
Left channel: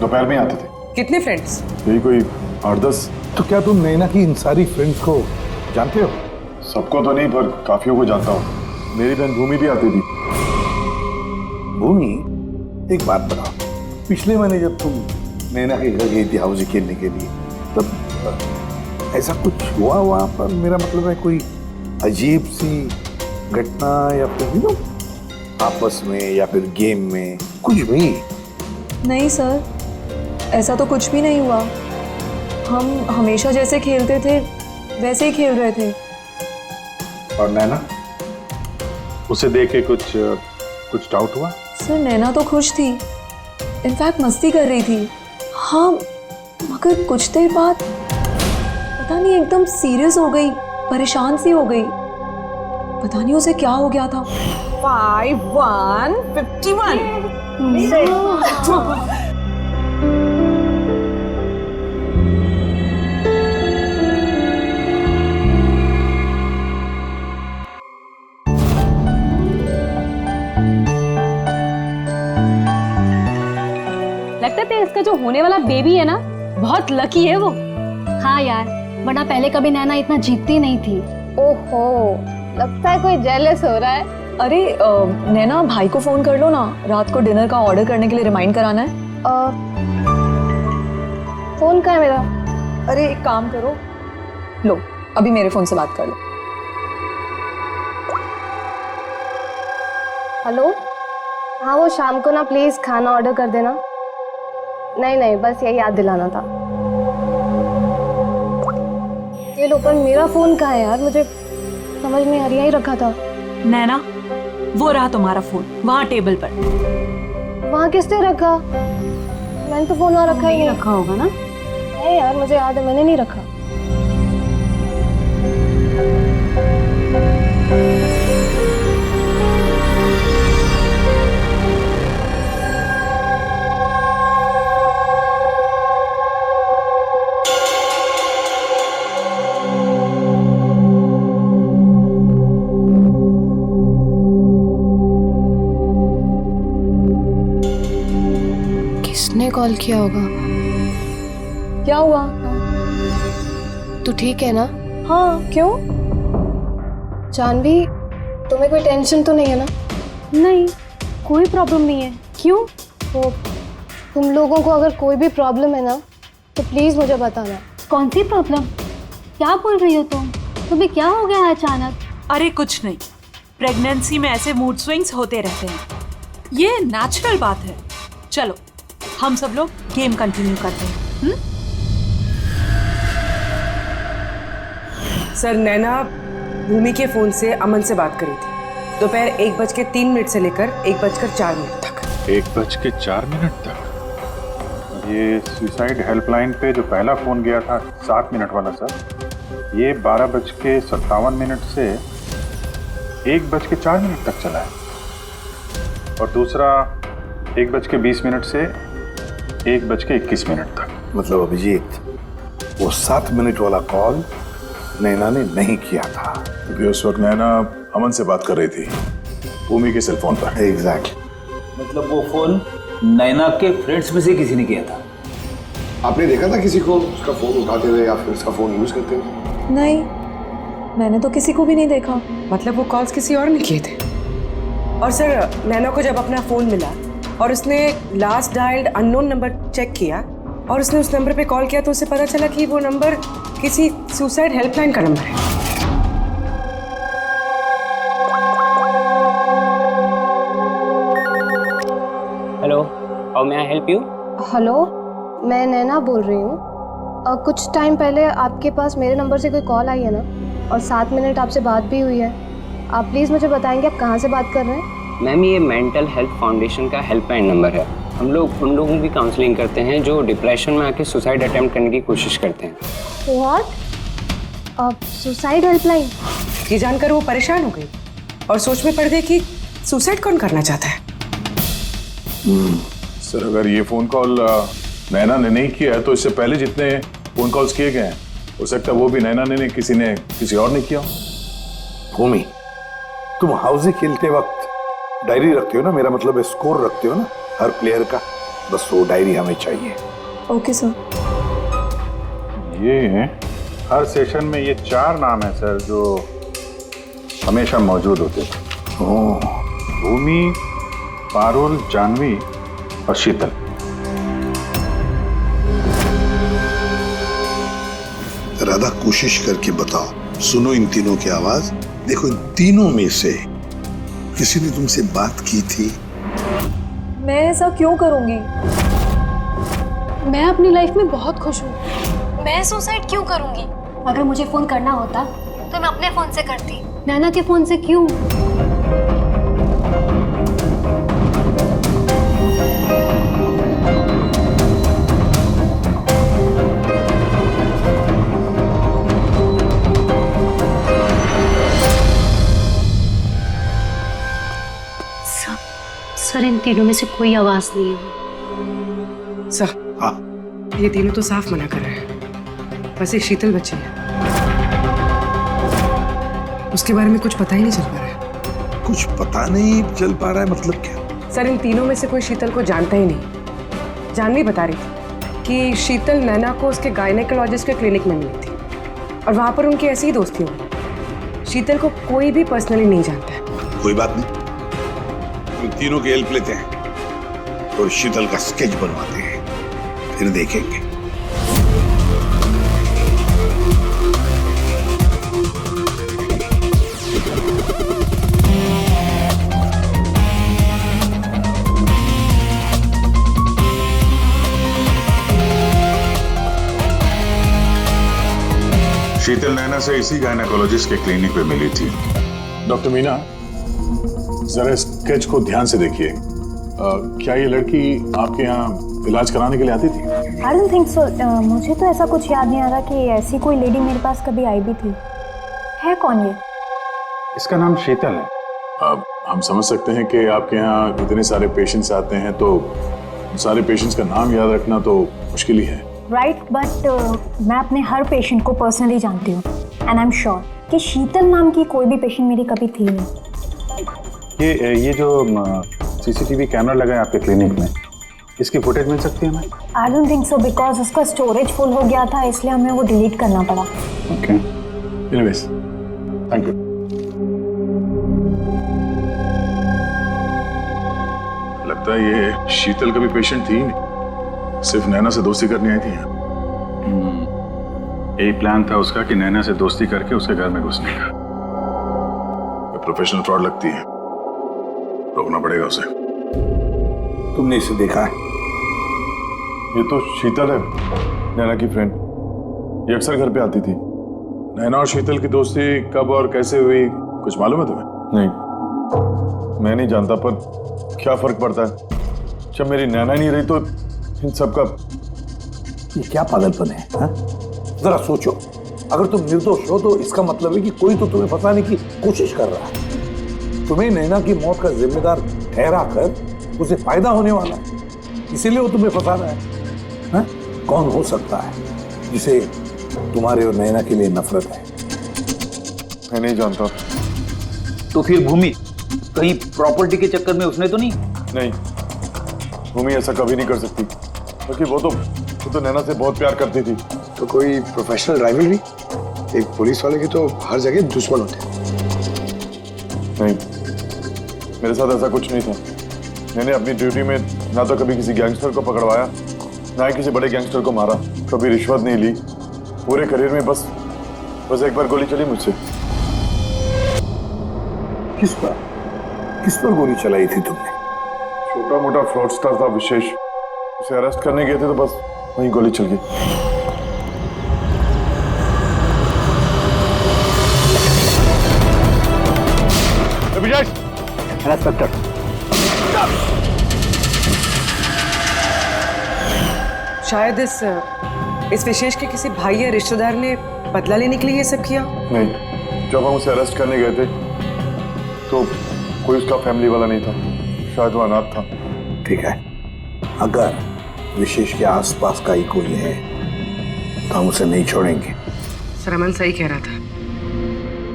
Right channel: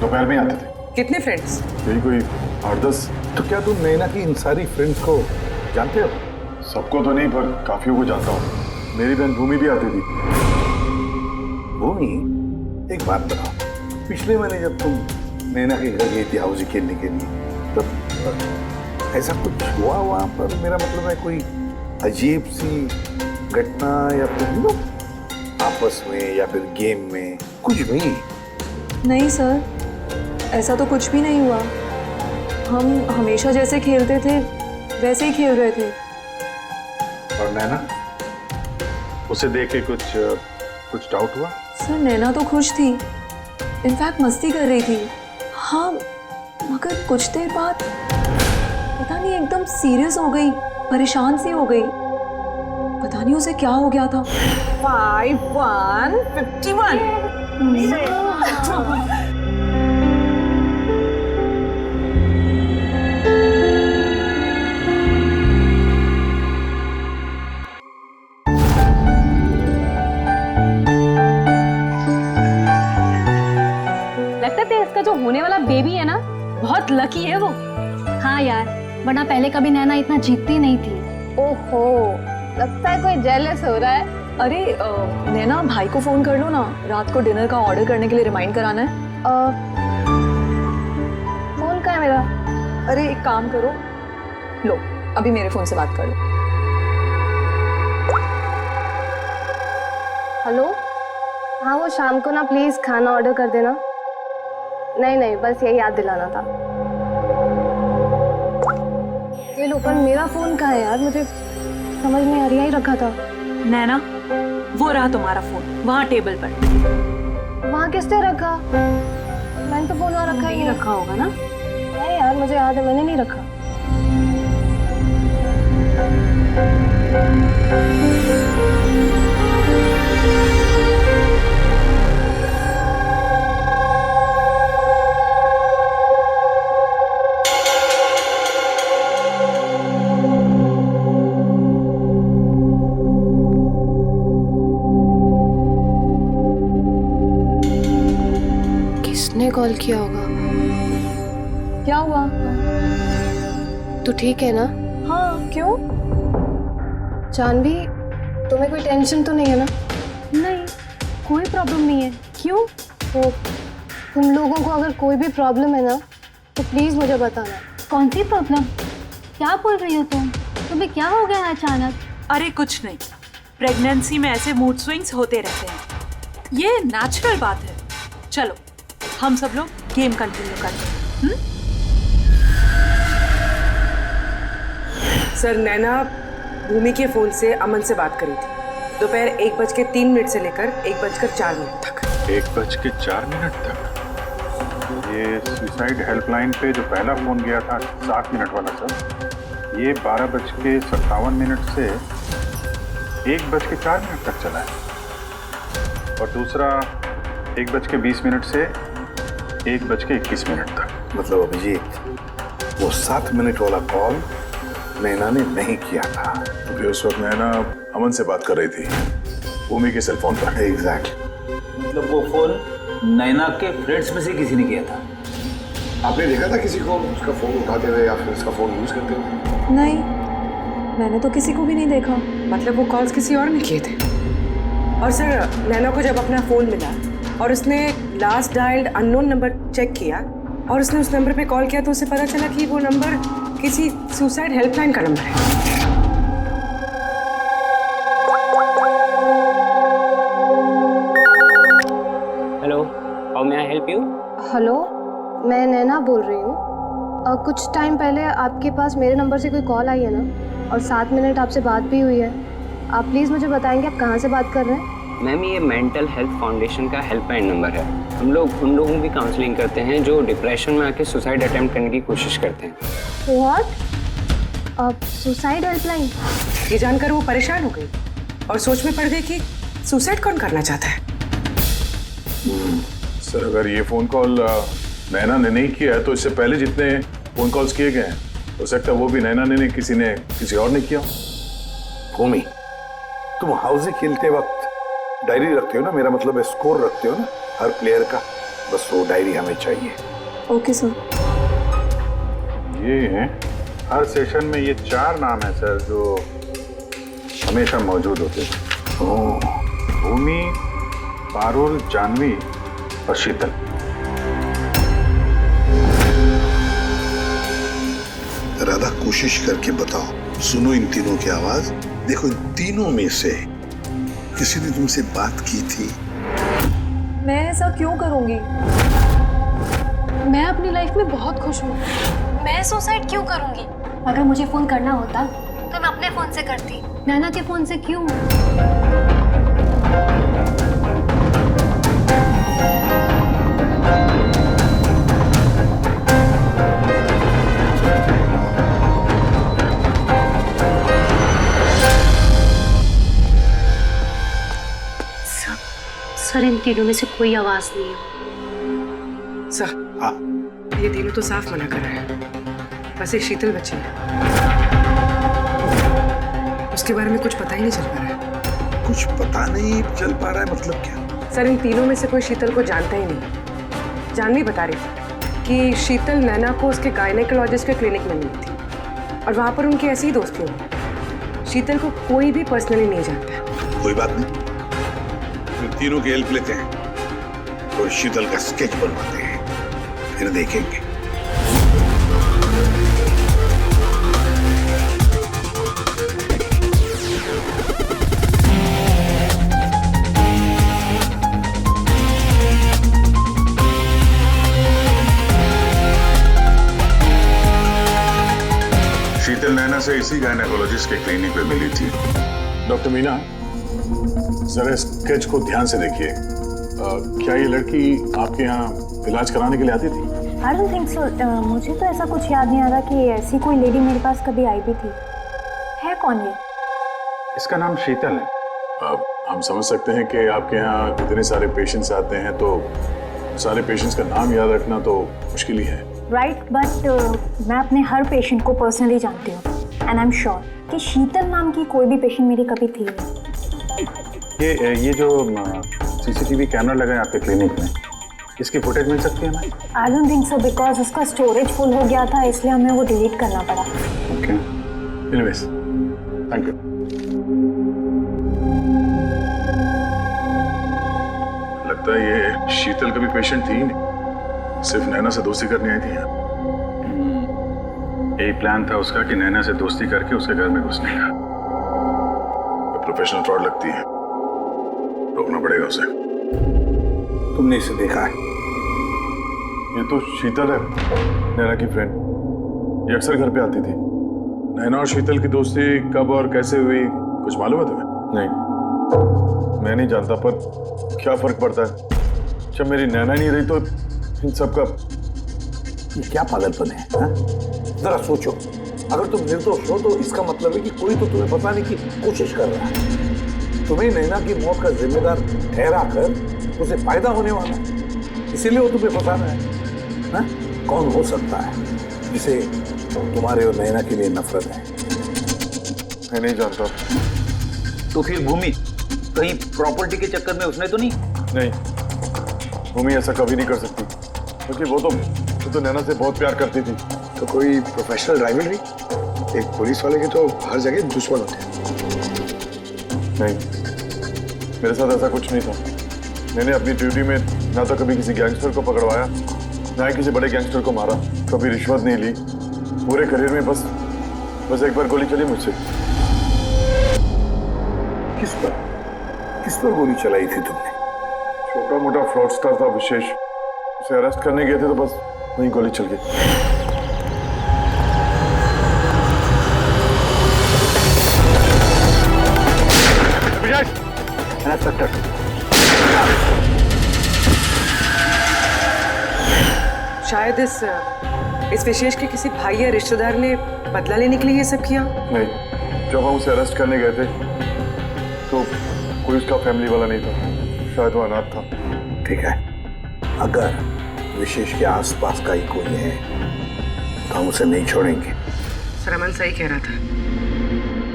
दोपहर में आते थे। कितने फ्रेंड्स? यही कोई 8-10। तो क्या तुम नैना की इन सारी फ्रेंड्स को जानते हो? सबको तो नहीं, पर काफियों को जानता हूँ। मेरी बहन भूमि भी आती थी। भूमि, एक बात बताओ, पिछले महीने जब तुम नैना के घर गई थी हाउसी खेलने के लिए, तब ऐसा कुछ हुआ वहां पर? मेरा मतलब है कोई अजीब सी घटना, या फिर आपस में या फिर गेम में कुछ भी? नहीं सर, ऐसा तो कुछ भी नहीं हुआ। हम हमेशा जैसे खेलते थे वैसे ही खेल रहे थे। और नैना, उसे देख के कुछ डाउट हुआ? सर नैना तो खुश थी, इनफैक्ट मस्ती कर रही थी। हाँ, मगर कुछ देर बाद पता नहीं एकदम सीरियस हो गई, परेशान सी हो गई। पता नहीं उसे क्या हो गया था। 5151 लगता है इसका जो होने वाला बेबी है ना, बहुत लकी है वो। हाँ यार, वरना पहले कभी नैना इतना जीतती नहीं थी। ओहो, लगता है कोई जेलस हो रहा है। अरे नैना, भाई को फोन कर लो ना, रात को डिनर का ऑर्डर करने के लिए रिमाइंड कराना है। फोन कहाँ है मेरा? अरे एक काम करो, लो अभी मेरे फोन से बात कर लो। हेलो, हाँ वो शाम को ना प्लीज खाना ऑर्डर कर देना। नहीं, बस यही याद दिलाना था। ये लो, पर मेरा फोन कहाँ है यार, मुझे समझ नहीं आ रही, यही रखा था। नैना, वो रहा तुम्हारा फोन वहाँ टेबल पर। वहाँ किसने रखा? मैंने तो फोन वहाँ रखा ही नहीं। रखा होगा ना? नहीं यार, मुझे याद है मैंने नहीं रखा। किसने कॉल किया होगा? क्या हुआ? तू ठीक है ना? हाँ, क्यों? जानवी, तुम्हें कोई टेंशन तो नहीं है ना? नहीं, कोई प्रॉब्लम नहीं है। क्यों? तो तुम लोगों को अगर कोई भी प्रॉब्लम है ना, तो प्लीज मुझे बताना। कौन सी प्रॉब्लम? क्या बोल रही हो तुम? तुम्हें क्या हो गया अचानक? अरे कुछ नहीं, प्रेगनेंसी में ऐसे मूड स्विंग्स होते रहते हैं, ये नेचुरल बात है। चलो हम सब लोग गेम कंटिन्यू करते हैं। सर, नैना भूमि के फोन से अमन से बात करी थी दोपहर 1:03 से लेकर 1:04 तक। 1:04 तक? ये सुसाइड हेल्पलाइन पे जो पहला फोन गया था 7 मिनट वाला सर, ये 12:57 से 1:04 तक चला है, और दूसरा 1:20 से 1:21 तक। मतलब अभिजीत, वो 7 मिनट वाला कॉल नैना ने नहीं किया था, क्योंकि उस वक्त नैना अमन से बात कर रही थी भूमि के सेल फोन पर। एग्जैक्टली। मतलब वो फोन नैना के फ्रेंड्स में से किसी ने किया था? आपने देखा था किसी को उसका फोन उठाते हुए या फिर उसका फोन यूज करते हुए? नहीं, मैंने तो किसी को भी नहीं देखा। मतलब वो कॉल्स किसी और ने किए थे। और सर, नैना को जब अपना फोन मिला और उसने last dialled unknown number check किया और उसने उस नंबर पे कॉल किया, तो उसे पता चला कि वो नंबर किसी सुसाइड हेल्पलाइन का नंबर है। Hello, how may I help you? Hello, मैं नैना बोल रही हूँ। कुछ टाइम पहले आपके पास मेरे नंबर से कोई कॉल आई है ना, और 7 मिनट आपसे बात भी हुई है। आप प्लीज़ मुझे बताएंगे आप कहाँ से बात कर रहे हैं? मैम, ये मेंटल हेल्थ फाउंडेशन का हेल्पलाइन नंबर है। हम लोग उन लोगों की काउंसलिंग करते हैं जो डिप्रेशन में आके सुसाइड अटेम्प्ट करने की कोशिश करते हैं। व्हाट? Suicide helpline? ये जानकर वो परेशान हो गई और सोच में पड़ गई कि सुसाइड कौन करना चाहता है। सर, अगर ये फोन कॉल नैना ने नहीं किया है, तो इससे पहले जितने फोन कॉल्स किए गए हैं, हो सकता है वो भी नैना ने किसी और ने किया। भूमि, तुम हाउसी खेलते वक्त डायरी रखते हो ना? मेरा मतलब है स्कोर रखते हो ना हर प्लेयर का? बस वो डायरी हमें चाहिए। Okay sir. ये हर सेशन में ये 4 नाम है सर जो हमेशा मौजूद होते थे। ओह, भूमि, पारुल, जानवी और शीतल। राधा, कोशिश करके बताओ। सुनो इन तीनों की आवाज। देखो, इन तीनों में से किसी ने तुमसे बात की थी? मैं ऐसा क्यों करूंगी? मैं अपनी लाइफ में बहुत खुश हूँ। मैं सुसाइड क्यों करूंगी? अगर मुझे फोन करना होता तो मैं अपने फोन से करती, नैना के फोन से क्यों? सर इन तीनों में से कोई आवाज नहीं है। सर हाँ ये तीनों तो साफ मना कर रहे हैं, बस एक शीतल बच्ची है, उसके बारे में कुछ पता ही नहीं चल पा रहा है। कुछ पता नहीं चल पा रहा है मतलब क्या? सर इन तीनों में से कोई शीतल को जानता ही नहीं। जानवी बता रही थी कि शीतल नैना को उसके गायनेकोलॉजिस्ट के क्लिनिक में मिली थी और वहां पर उनकी ऐसी ही दोस्ती हो गई। शीतल को कोई भी पर्सनली नहीं जानता है। कोई बात नहीं, इन तीनों की हेल्प लेते हैं और शीतल का स्केच बनवाते हैं, फिर देखेंगे। शीतल नैना से इसी गायनेकोलॉजिस्ट के क्लिनिक पे मिली थी। डॉक्टर मीना, जरा स्केच को ध्यान से देखिए। क्या ये लड़की आपके यहाँ इलाज कराने के लिए आती थी? I don't think so. मुझे तो ऐसा कुछ याद नहीं आ रहा कि ऐसी कोई लेडी मेरे पास कभी आई भी थी। है कौन ये? इसका नाम शीतल है। अब हम समझ सकते हैं कि आपके यहाँ इतने सारे पेशेंट्स आते हैं, तो सारे पेशेंट्स का नाम याद रखना तो मुश्किल ही है। राइट, बट मैं अपने हर पेशेंट को पर्सनली जानती हूँ एंड आई एम श्योर कि शीतल नाम की कोई भी पेशेंट मेरी कभी थी नहीं। ये जो सीसीटीवी कैमरा लगा है आपके क्लिनिक में, इसकी फुटेज मिल सकती है हमें? I don't think so, because उसका स्टोरेज फुल हो गया था, इसलिए हमें वो डिलीट करना पड़ा। Okay, anyways, thank you. लगता है ये शीतल का भी पेशेंट थी नहीं, सिर्फ नैना से दोस्ती करने आई थी यहाँ। यही प्लान था उसका कि नैना से दोस्ती करके उसके घर में घुसने का। प्रोफेशनल फ्रॉड लगती है, रोकना पड़ेगा उसे। तुमने इसे देखा है? ये तो शीतल है, नैना की फ्रेंड। ये अक्सर घर पे आती थी। नैना और शीतल की दोस्ती कब और कैसे हुई, कुछ मालूम है तुम्हें? नहीं, मैं नहीं जानता, पर क्या फर्क पड़ता है? जब मेरी नैना नहीं रही तो इन सब का ये क्या पागलपन है, हा? जरा सोचो, अगर तुम निर्दोष हो तो इसका मतलब है कि कोई तो तुम्हें फंसाने की कोशिश कर रहा है। तुम्हें नैना की मौत का जिम्मेदार ठहरा कर उसे फायदा होने वाला, इसीलिए वो तुम्हें फंसा रहा है। हा? कौन हो सकता है जिसे तुम्हारे और नैना के लिए नफरत है? मैं नहीं जानता। तो फिर भूमि कहीं प्रॉपर्टी के चक्कर में उसने तो नहीं? नहीं, भूमि ऐसा कभी नहीं कर सकती, क्योंकि वो तो नैना से बहुत प्यार करती थी। तो कोई प्रोफेशनल राइवलरी? एक पुलिस वाले के तो हर जगह दुश्मन होते हैं। नहीं, मेरे साथ ऐसा कुछ नहीं था। मैंने अपनी ड्यूटी में ना तो कभी किसी गैंगस्टर को पकड़वाया, ना ही किसी बड़े गैंगस्टर को मारा, कभी रिश्वत नहीं ली। पूरे करियर में बस एक बार गोली चली मुझसे। किस पर गोली चलाई थी तुमने? छोटा मोटा फ्रॉडस्टर था विशेष, उसे अरेस्ट करने गए थे तो बस वहीं गोली चल गई। इंस्पेक्टर, शायद इस विशेष के किसी भाई या रिश्तेदार ने बदला लेने के लिए ये सब किया। नहीं, जब हम उसे अरेस्ट करने गए थे तो कोई उसका फैमिली वाला नहीं था, शायद वो अनाथ था। ठीक है, अगर विशेष के आसपास का ही कोई है तो हम उसे नहीं छोड़ेंगे। सर अमन सही कह रहा था,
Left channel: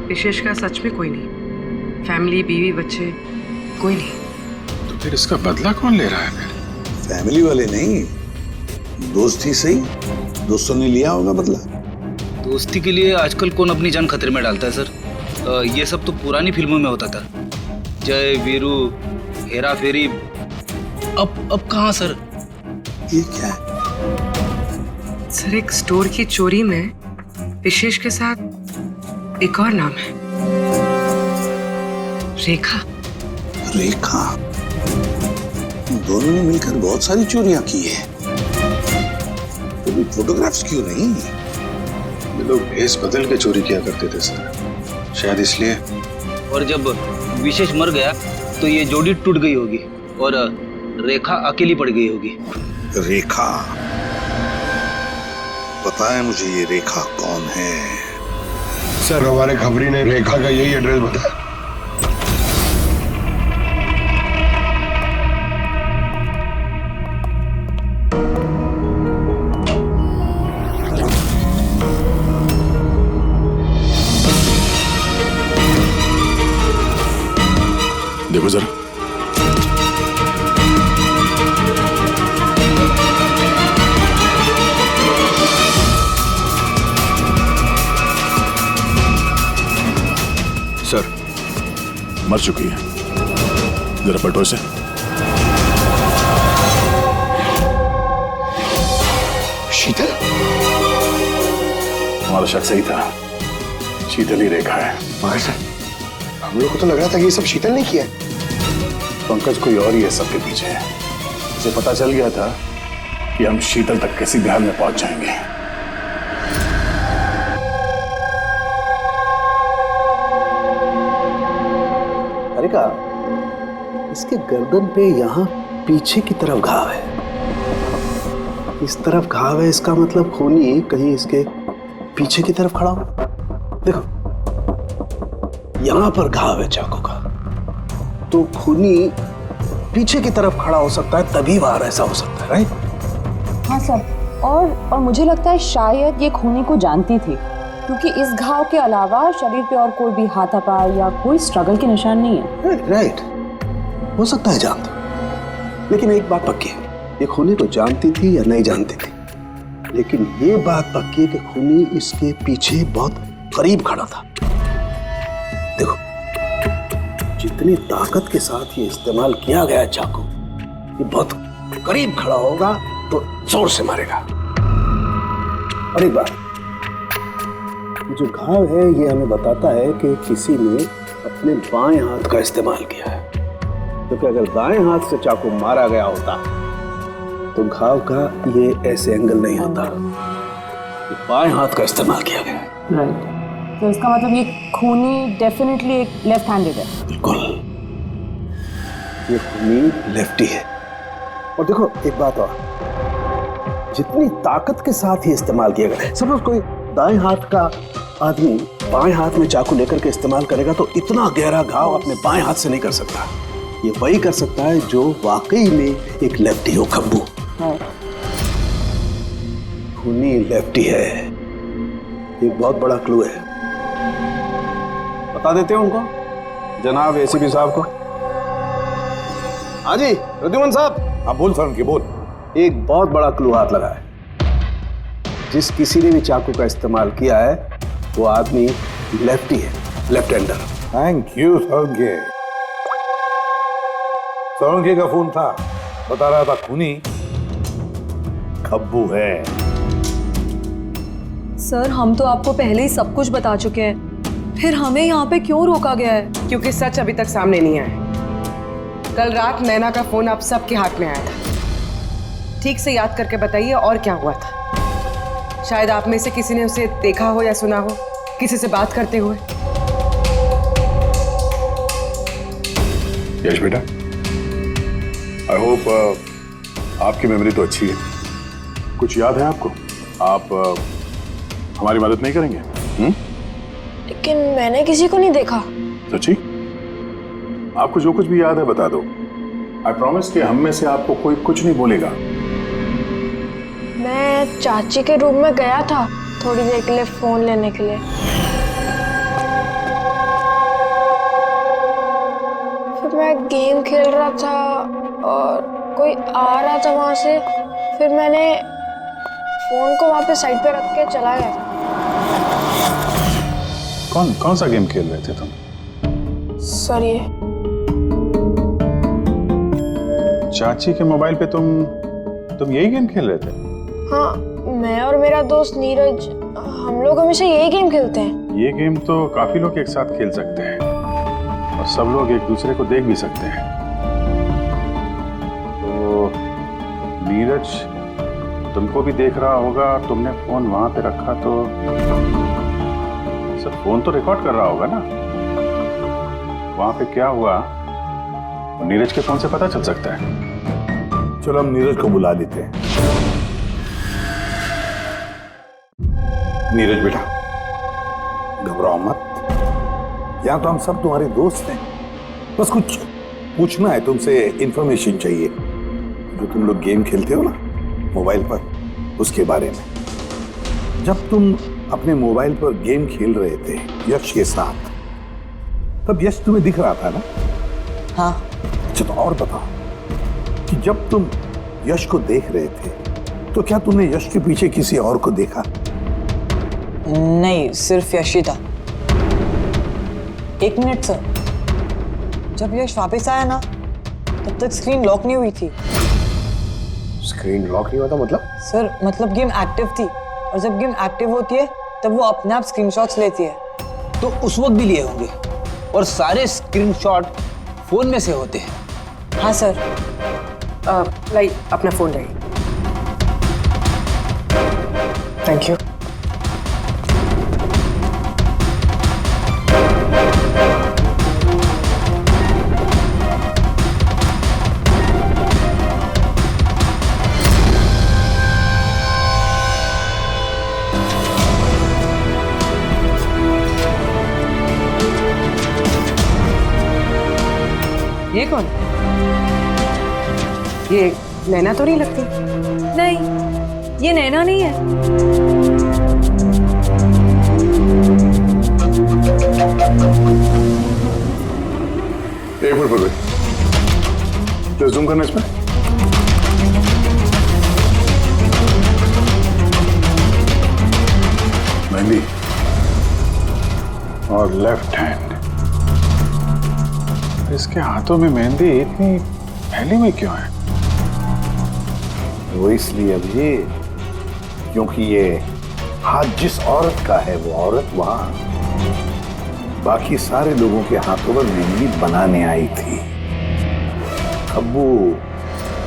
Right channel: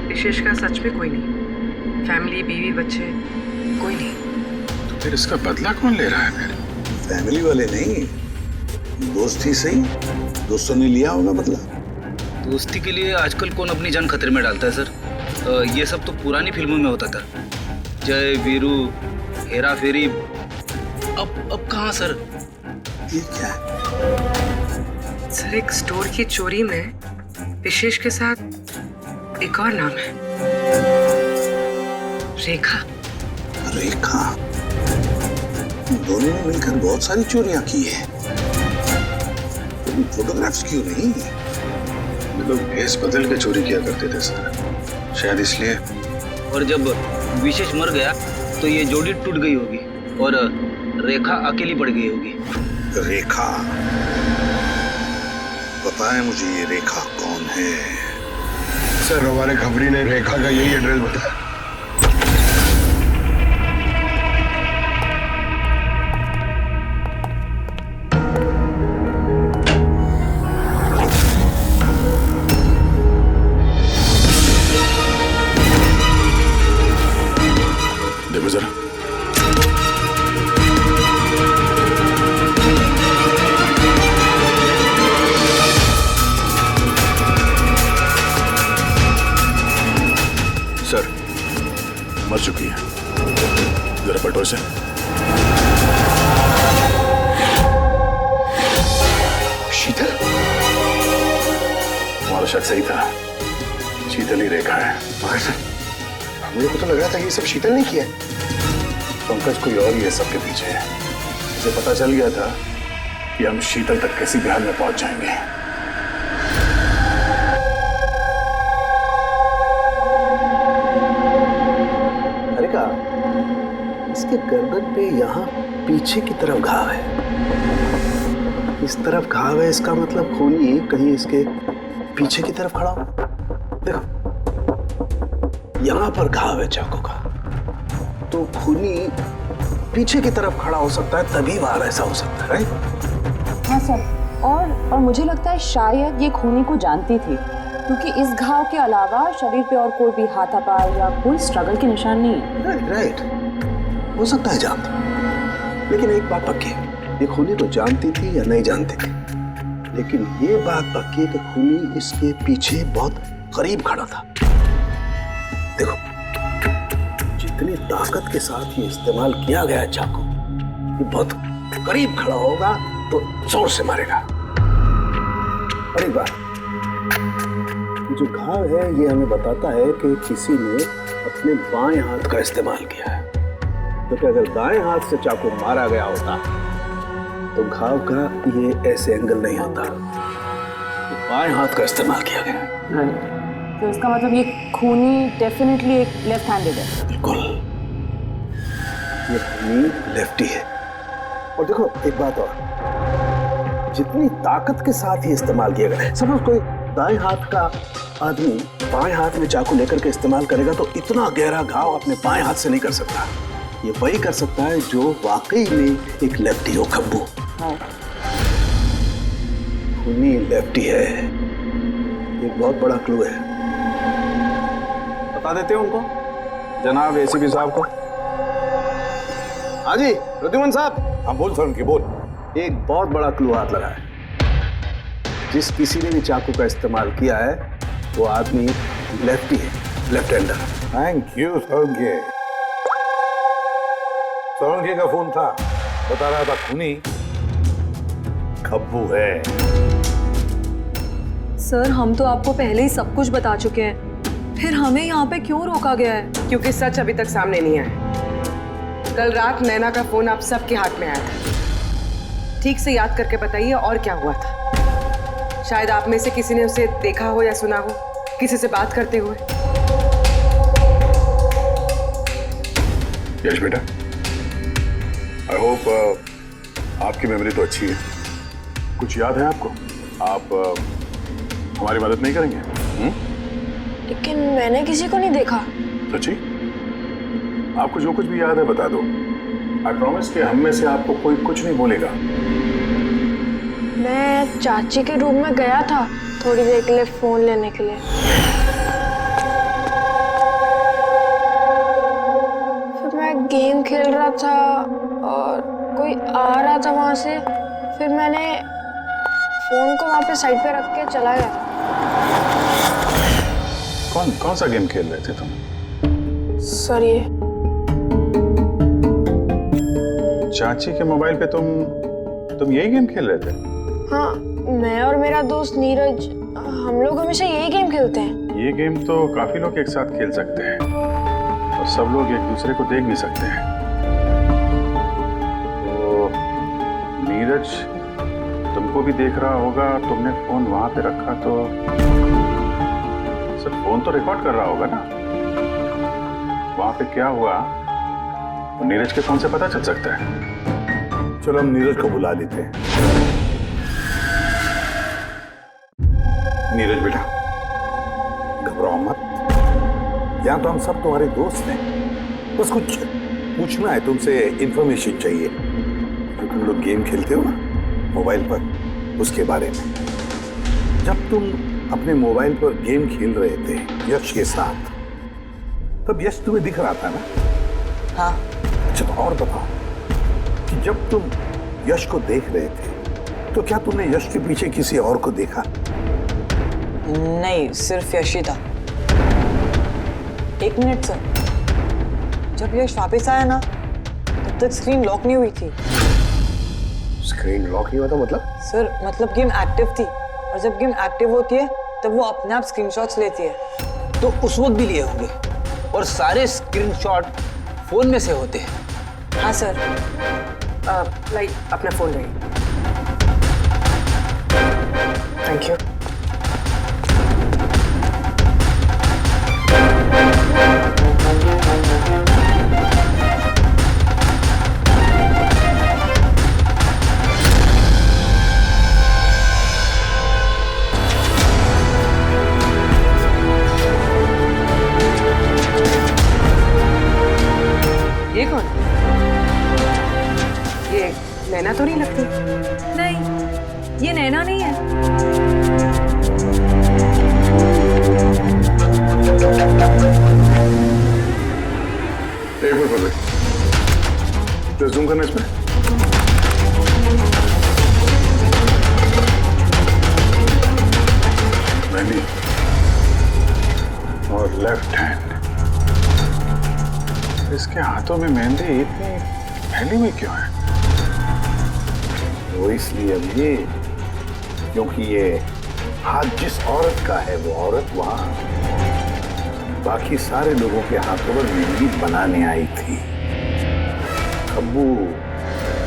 विशेष का सच में कोई नहीं, फैमिली, बीवी, बच्चे, कोई नहीं। तो फिर इसका बदला कौन ले रहा है फिर? फैमिली वाले नहीं, दोस्त ही सही। दोस्तों ने लिया होगा बदला। दोस्ती के लिए आजकल कौन अपनी जान खतरे में डालता है सर? ये सब तो पुरानी फिल्मों में होता था, जय वीरू, हेरा फेरी। अब कहाँ सर? ये क्या है? सर एक स्टोर की चोरी में विशेष के साथ एक और नाम है, रेखा। रेखा? दोनों ने मिलकर बहुत सारी चोरियां की है, तो फोटोग्राफ्स क्यों नहीं? ये लोग भेस बदल के चोरी किया करते थे सर, शायद इसलिए। और जब विशेष मर गया तो ये जोड़ी टूट गई होगी और रेखा अकेली पड़ गई होगी। रेखा? पता है मुझे ये रेखा कौन है। सर हमारे खबरी ने रेखा का यही एड्रेस बताया। देखो जरा। सर, मर चुकी है। जरा पलटो इसे। शीतल? हमारा शक सही था, शीतल ही रेखा है। मगर सर, हम लोग को तो लग रहा था कि ये सब शीतल ने किया है। पंकज कोई और ही है सबके पीछे। उसे पता चल गया था कि हम शीतल तक किसी भी हाल में पहुंच जाएंगे। अरे का इसके गर्दन पे यहाँ पीछे की तरफ घाव है, इस तरफ घाव है, इसका मतलब खूनी कहीं इसके पीछे की तरफ खड़ा हो। देखो यहाँ पर घाव है चाकू का, तो खूनी पीछे की तरफ खड़ा हो सकता है, तभी वार ऐसा हो सकता है, राइट? हाँ सर, और मुझे लगता है शायद ये खूनी को जानती थी, क्योंकि इस घाव के अलावा शरीर पे और कोई भी हाथापाई या कोई स्ट्रगल के निशान नहीं है। राइट, हो सकता है जानता, लेकिन एक बात पक्की है, ये खूनी को जानती थी या नहीं जानती थी, लेकिन ये बात पक्की है कि खूनी इसके पीछे बहुत करीब खड़ा था। देखो जितनी ताकत के साथ ये इस्तेमाल किया गया चाकू, ये बहुत करीब खड़ा होगा तो जोर से मारेगा। और एक बात, जो घाव है ये हमें बताता है कि किसी ने अपने बाएं हाथ का इस्तेमाल किया है, क्योंकि अगर दाएं हाथ से चाकू मारा गया होता तो घाव का ये ऐसे एंगल नहीं होता, बाएं हाथ का इस्तेमाल किया गया है। राइट, तो इसका मतलब ये खूनी डेफिनेटली एक लेफ्ट हैंडेड है। बिल्कुल, ये खूनी लेफ्टी है। और देखो एक बात और, जितनी ताकत के साथ ही इस्तेमाल किया गया, सपोज कोई दाएं हाथ का आदमी बाएं हाथ में चाकू लेकर के इस्तेमाल करेगा तो इतना गहरा घाव अपने बाएं हाथ से नहीं कर सकता। ये वही कर सकता है जो वाकई में एक लेफ्टी हो। खब्बू खूनी लेफ्टी है, एक बहुत बड़ा क्लू है। बता देते हैं उनको, जनाब एसीपी साहब को। हाँ जी रिद्धिमान साहब। हाँ बोल सर, उनकी बोल। एक बहुत बड़ा क्लू हाथ लगा है। जिस किसी ने भी चाकू का इस्तेमाल किया है वो आदमी लेफ्टी है, left hander. Thank you Solanki. Solanki का फोन था, बता रहा था खूनी खब्बू है। सर हम तो आपको पहले ही सब कुछ बता चुके हैं, फिर हमें यहाँ पे क्यों रोका गया है? क्योंकि सच अभी तक सामने नहीं आया। कल रात नैना का फोन आप सबके हाथ में आया था। ठीक से याद करके बताइए और क्या हुआ था। शायद आप में से किसी ने उसे देखा हो या सुना हो किसी से बात करते हुए। यश बेटा, आई होप आपकी मेमोरी तो अच्छी है, कुछ याद है आपको? आप हमारी मदद नहीं करेंगे? लेकिन मैंने किसी को नहीं देखा। सच्ची? आपको जो कुछ भी याद है बता दो। आई प्रॉमिस कि हम में से आपको कोई कुछ नहीं बोलेगा। मैं चाची के रूम में गया था थोड़ी देर के लिए फोन लेने के लिए, फिर मैं गेम खेल रहा था और कोई आ रहा था वहां से, फिर मैंने फोन को वहां पे साइड पे रख के चला गया था। कौन सा गेम खेल रहे थे तुम? सर ये चाची के मोबाइल पे तुम यही गेम खेल रहे थे? हाँ, मैं और मेरा दोस्त नीरज, हम लोग हमेशा यही गेम खेलते हैं। ये गेम तो काफी लोग एक साथ खेल सकते हैं और सब लोग एक दूसरे को देख भी सकते हैं। तो नीरज तुमको भी देख रहा होगा, तुमने फोन वहां पे रखा तो सर फोन तो रिकॉर्ड कर रहा होगा ना। वहां पे क्या हुआ वो नीरज के फोन से पता चल सकता है। चलो हम नीरज को बुला लेते हैं। नीरज बेटा घबराओ मत, यहां तो हम सब तुम्हारे दोस्त हैं। बस कुछ पूछना है तुमसे, इंफॉर्मेशन चाहिए। जो तुम लोग गेम खेलते हो ना मोबाइल पर, उसके बारे में। जब तुम अपने मोबाइल पर गेम खेल रहे थे यश के साथ, तब यश तुम्हें दिख रहा था ना? हाँ। अच्छा तो और बताओ कि जब तुम यश को देख रहे थे तो क्या तुमने यश के पीछे किसी और को देखा? नहीं, सिर्फ यश ही था। 1 मिनट सर, जब यश वापस आया ना तब तक स्क्रीन लॉक नहीं हुई थी। स्क्रीन लॉक नहीं हुआ था मतलब? सर मतलब गेम एक्टिव थी, और जब गेम एक्टिव होती है तब वो अपने आप स्क्रीनशॉट्स लेती है। तो उस वक्त भी लिए होंगे, और सारे स्क्रीनशॉट फोन में से होते हैं। हाँ सर। लाई अपना फोन लाई। Thank you. ये कौन? ये नैना तो नहीं लगती। नहीं, ये नैना नहीं है। एक मिनट पकड़े, जस्ट जूम करना इसमें। मेहंदी और लेफ्ट हैंड। इसके हाथों में मेहंदी इतनी फैली हुई क्यों है? वो इसलिए अभी क्योंकि ये हाथ जिस औरत का है वो औरत वहां बाकी सारे लोगों के हाथों पर मेहंदी बनाने आई थी।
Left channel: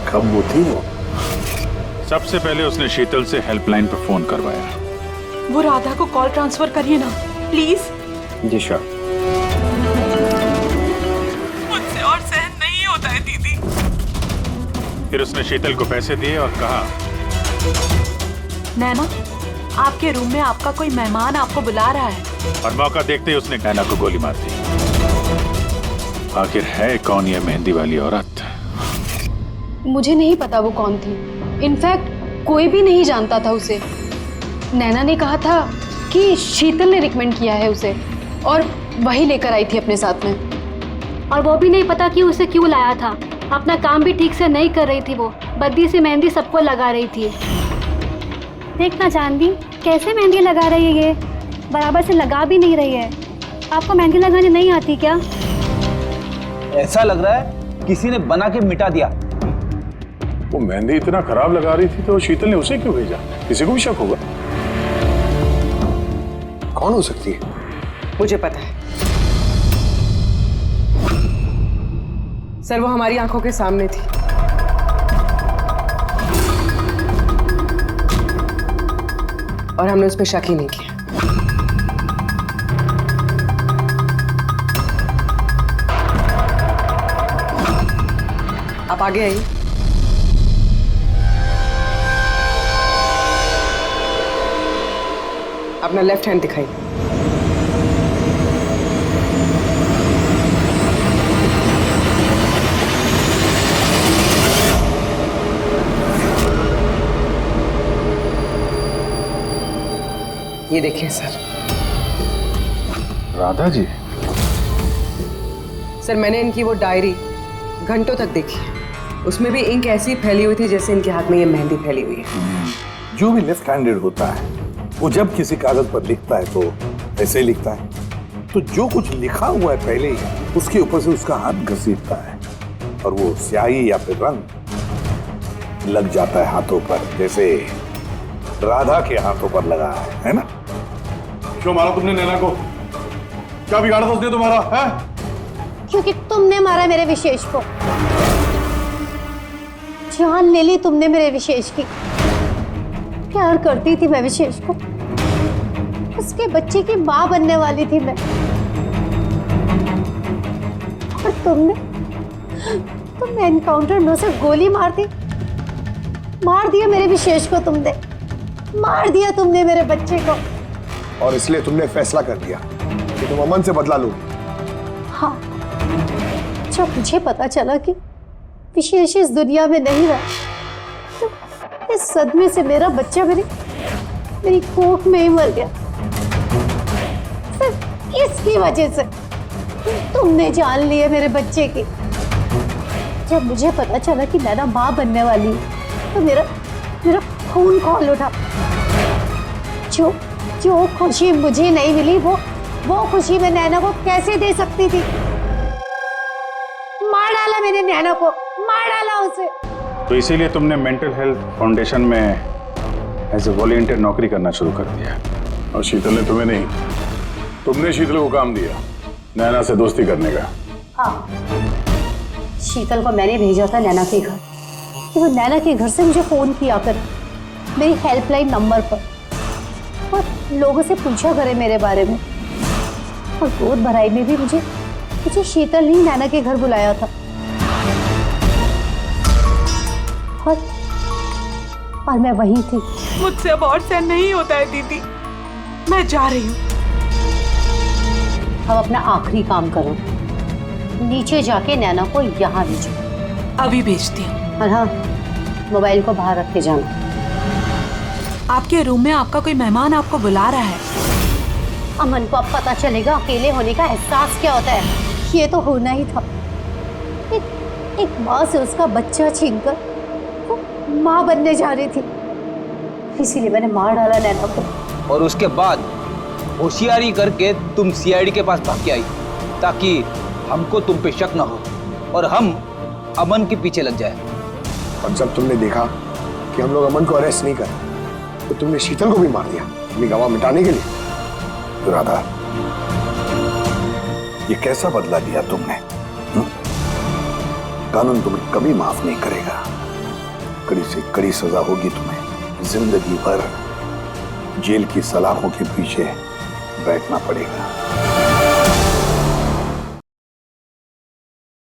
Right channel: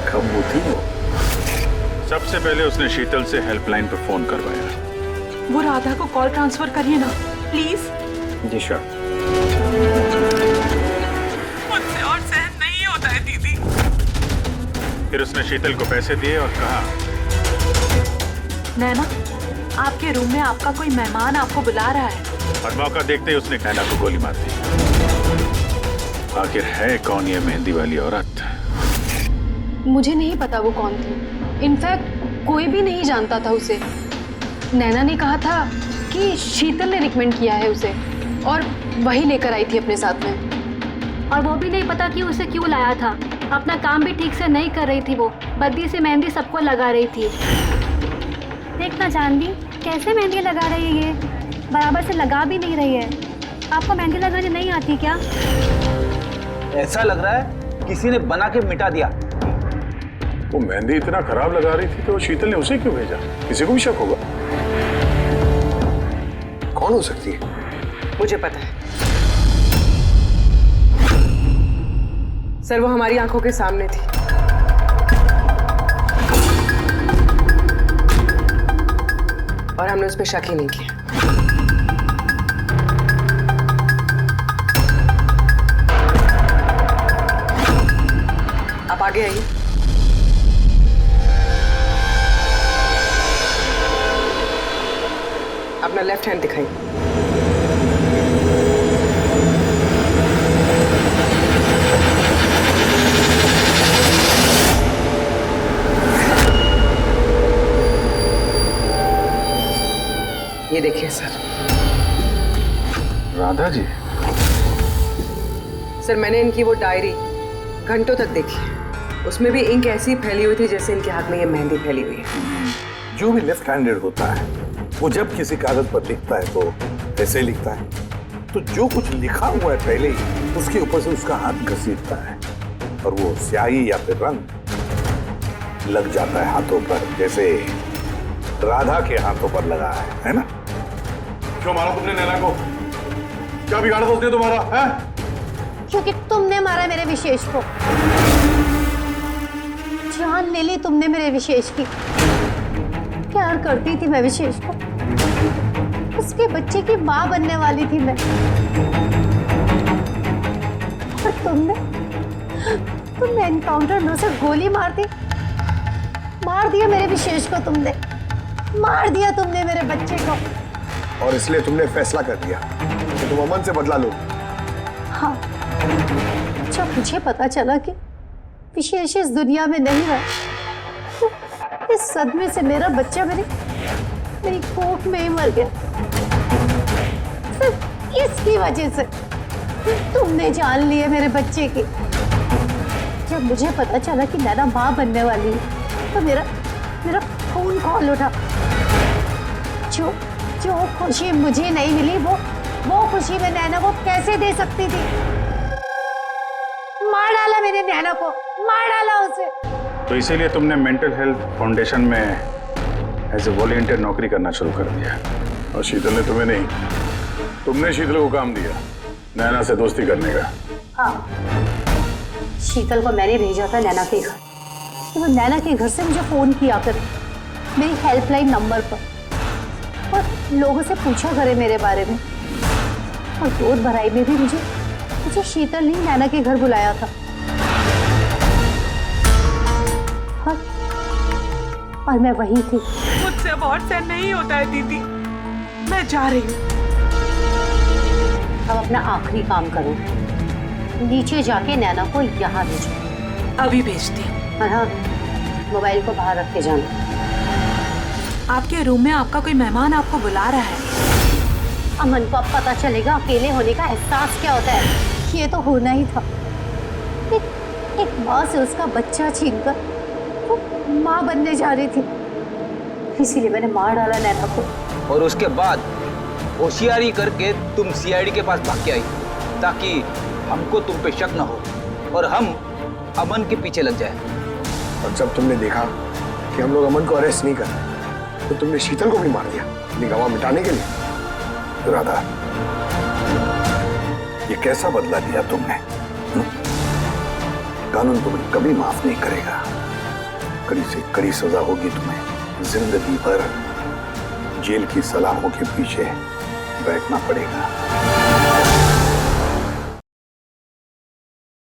खब्बू थी वो। सबसे पहले उसने शीतल से हेल्पलाइन पर फोन करवाया। वो राधा को कॉल ट्रांसफर करिए ना प्लीज। Ji sure. मुझसे और सहन नहीं होता है दीदी। फिर उसने शीतल को पैसे दिए और कहा, नैना आपके रूम में आपका कोई मेहमान आपको बुला रहा है। और मौका देखते ही उसने नैना को गोली मार दी। आखिर है कौन ये मेहंदी वाली औरत? मुझे नहीं पता वो कौन थी। इनफैक्ट कोई भी नहीं जानता था उसे। नैना ने कहा था कि शीतल ने रिकमेंड किया है उसे, और वही लेकर आई थी अपने साथ में। और वो भी नहीं पता कि उसे क्यों लाया था। अपना काम भी ठीक से नहीं कर रही थी वो, बद्दी से मेहंदी सबको लगा रही थी। देखना चांदी कैसे मेहंदी लगा रही है, ये बराबर से लगा भी नहीं रही है। आपको मेहंदी लगाने नहीं आती क्या? ऐसा लग रहा है किसी ने बना के मिटा दिया। वो मेहंदी इतना खराब लगा रही थी तो शीतल ने उसे क्यों भेजा? किसी को भी शक होगा। कौन हो सकती है? मुझे पता है सर, वो हमारी आंखों के सामने थी। और हमने उस पर शक ही नहीं किया। आप आगे आइए। अपना लेफ्ट हैंड दिखाइए। ये देखिए सर। राधा जी? सर मैंने इनकी वो डायरी घंटों तक देखी। उसमें भी इंक ऐसी फैली हुई थी जैसे इनके हाथ में ये मेहंदी फैली हुई है। जो भी लेफ्ट हैंडेड होता है वो जब किसी कागज पर लिखता है तो ऐसे ही लिखता है। तो जो कुछ लिखा हुआ है पहले ही उसके ऊपर से उसका हाथ घसीटता है और वो स्याही या फिर रंग लग जाता है हाथों पर, जैसे राधा के हाथों पर लगा है ना? क्यों मारा तुमने नैना को? क्या बिगाड़ा था उसने तुम्हारा? है? क्योंकि तुमने मारा मेरे विशेष को। जान ले ली तुमने मेरे विशेष की। प्यार करती थी मैं विशेष को, उसके बच्चे की मां बनने वाली थी मैं। और तुमने एनकाउंटर में उसे गोली मार दिया मेरे विशेष को। तुमने मार दिया तुमने मेरे बच्चे को। और इसलिए तुमने फैसला कर लिया कि तुम अमन से बदला लो। हाँ, जब मुझे पता चला कि विशेष इस दुनिया में नहीं रहा तो इस सदमे से मेरा बच्चा मेरी कोख में ही मर गया। सिर्फ इसकी वजह से तुमने जान ली है मेरे बच्चे की। जब मुझे पता चला कि नैना माँ बनने वाली है तो मेरा मेरा खून खौल उठा। जो जो खुशी मुझे नहीं मिली वो खुशी मैं नैना को कैसे दे सकती थी। मार डाला मैंने नैना को, मार डाला उसे। तो इसीलिए तुमने मेंटल हेल्थ फाउंडेशन में एज ए वॉलंटियर नौकरी करना शुरू कर दिया। और शीतल ने तुम्हें नहीं, तुमने शीतल को काम दिया नैना से दोस्ती करने का। हाँ, शीतल को मैंने भेजा था नैना के घर। तो वो नैना के घर से मुझे फोन किया कर मेरी हेल्पलाइन नंबर पर और लोगों से पूछा करे मेरे बारे में। और दूध भराई में भी मुझे शीतल ने नैना के घर बुलाया था। और मैं वही थी। मुझसे अब और सहन नहीं होता है दीदी, मैं जा रही हूँ। अब अपना आखिरी काम करो, नीचे जाके नैना को यहाँ भेजो। अभी भेजती हूँ। और हाँ, मोबाइल को बाहर रख के जाना। आपके रूम में आपका कोई मेहमान आपको बुला रहा है। अमन को अब पता चलेगा अकेले होने का एहसास क्या होता है। ये तो होना ही था। एक माँ से उसका बच्चा छीनकर वो माँ बनने जा रही थी, इसीलिए मैंने मार डाला नैना को। और उसके बाद होशियारी करके तुम सीआईडी के पास भाग के आई ताकि हमको तुम पे शक न हो और हम अमन के पीछे लग जाए। और जब तुमने देखा कि हम लोग अमन को अरेस्ट नहीं कर रहे तो तुमने शीतल को भी मार दिया अपनी गवाह मिटाने के लिए। राधा, ये कैसा बदला लिया तुमने? कानून तुम्हें कभी माफ नहीं करेगा। कड़ी से कड़ी सजा होगी तुम्हें। जिंदगी भर जेल की सलाखों के पीछे बैठना पड़ेगा।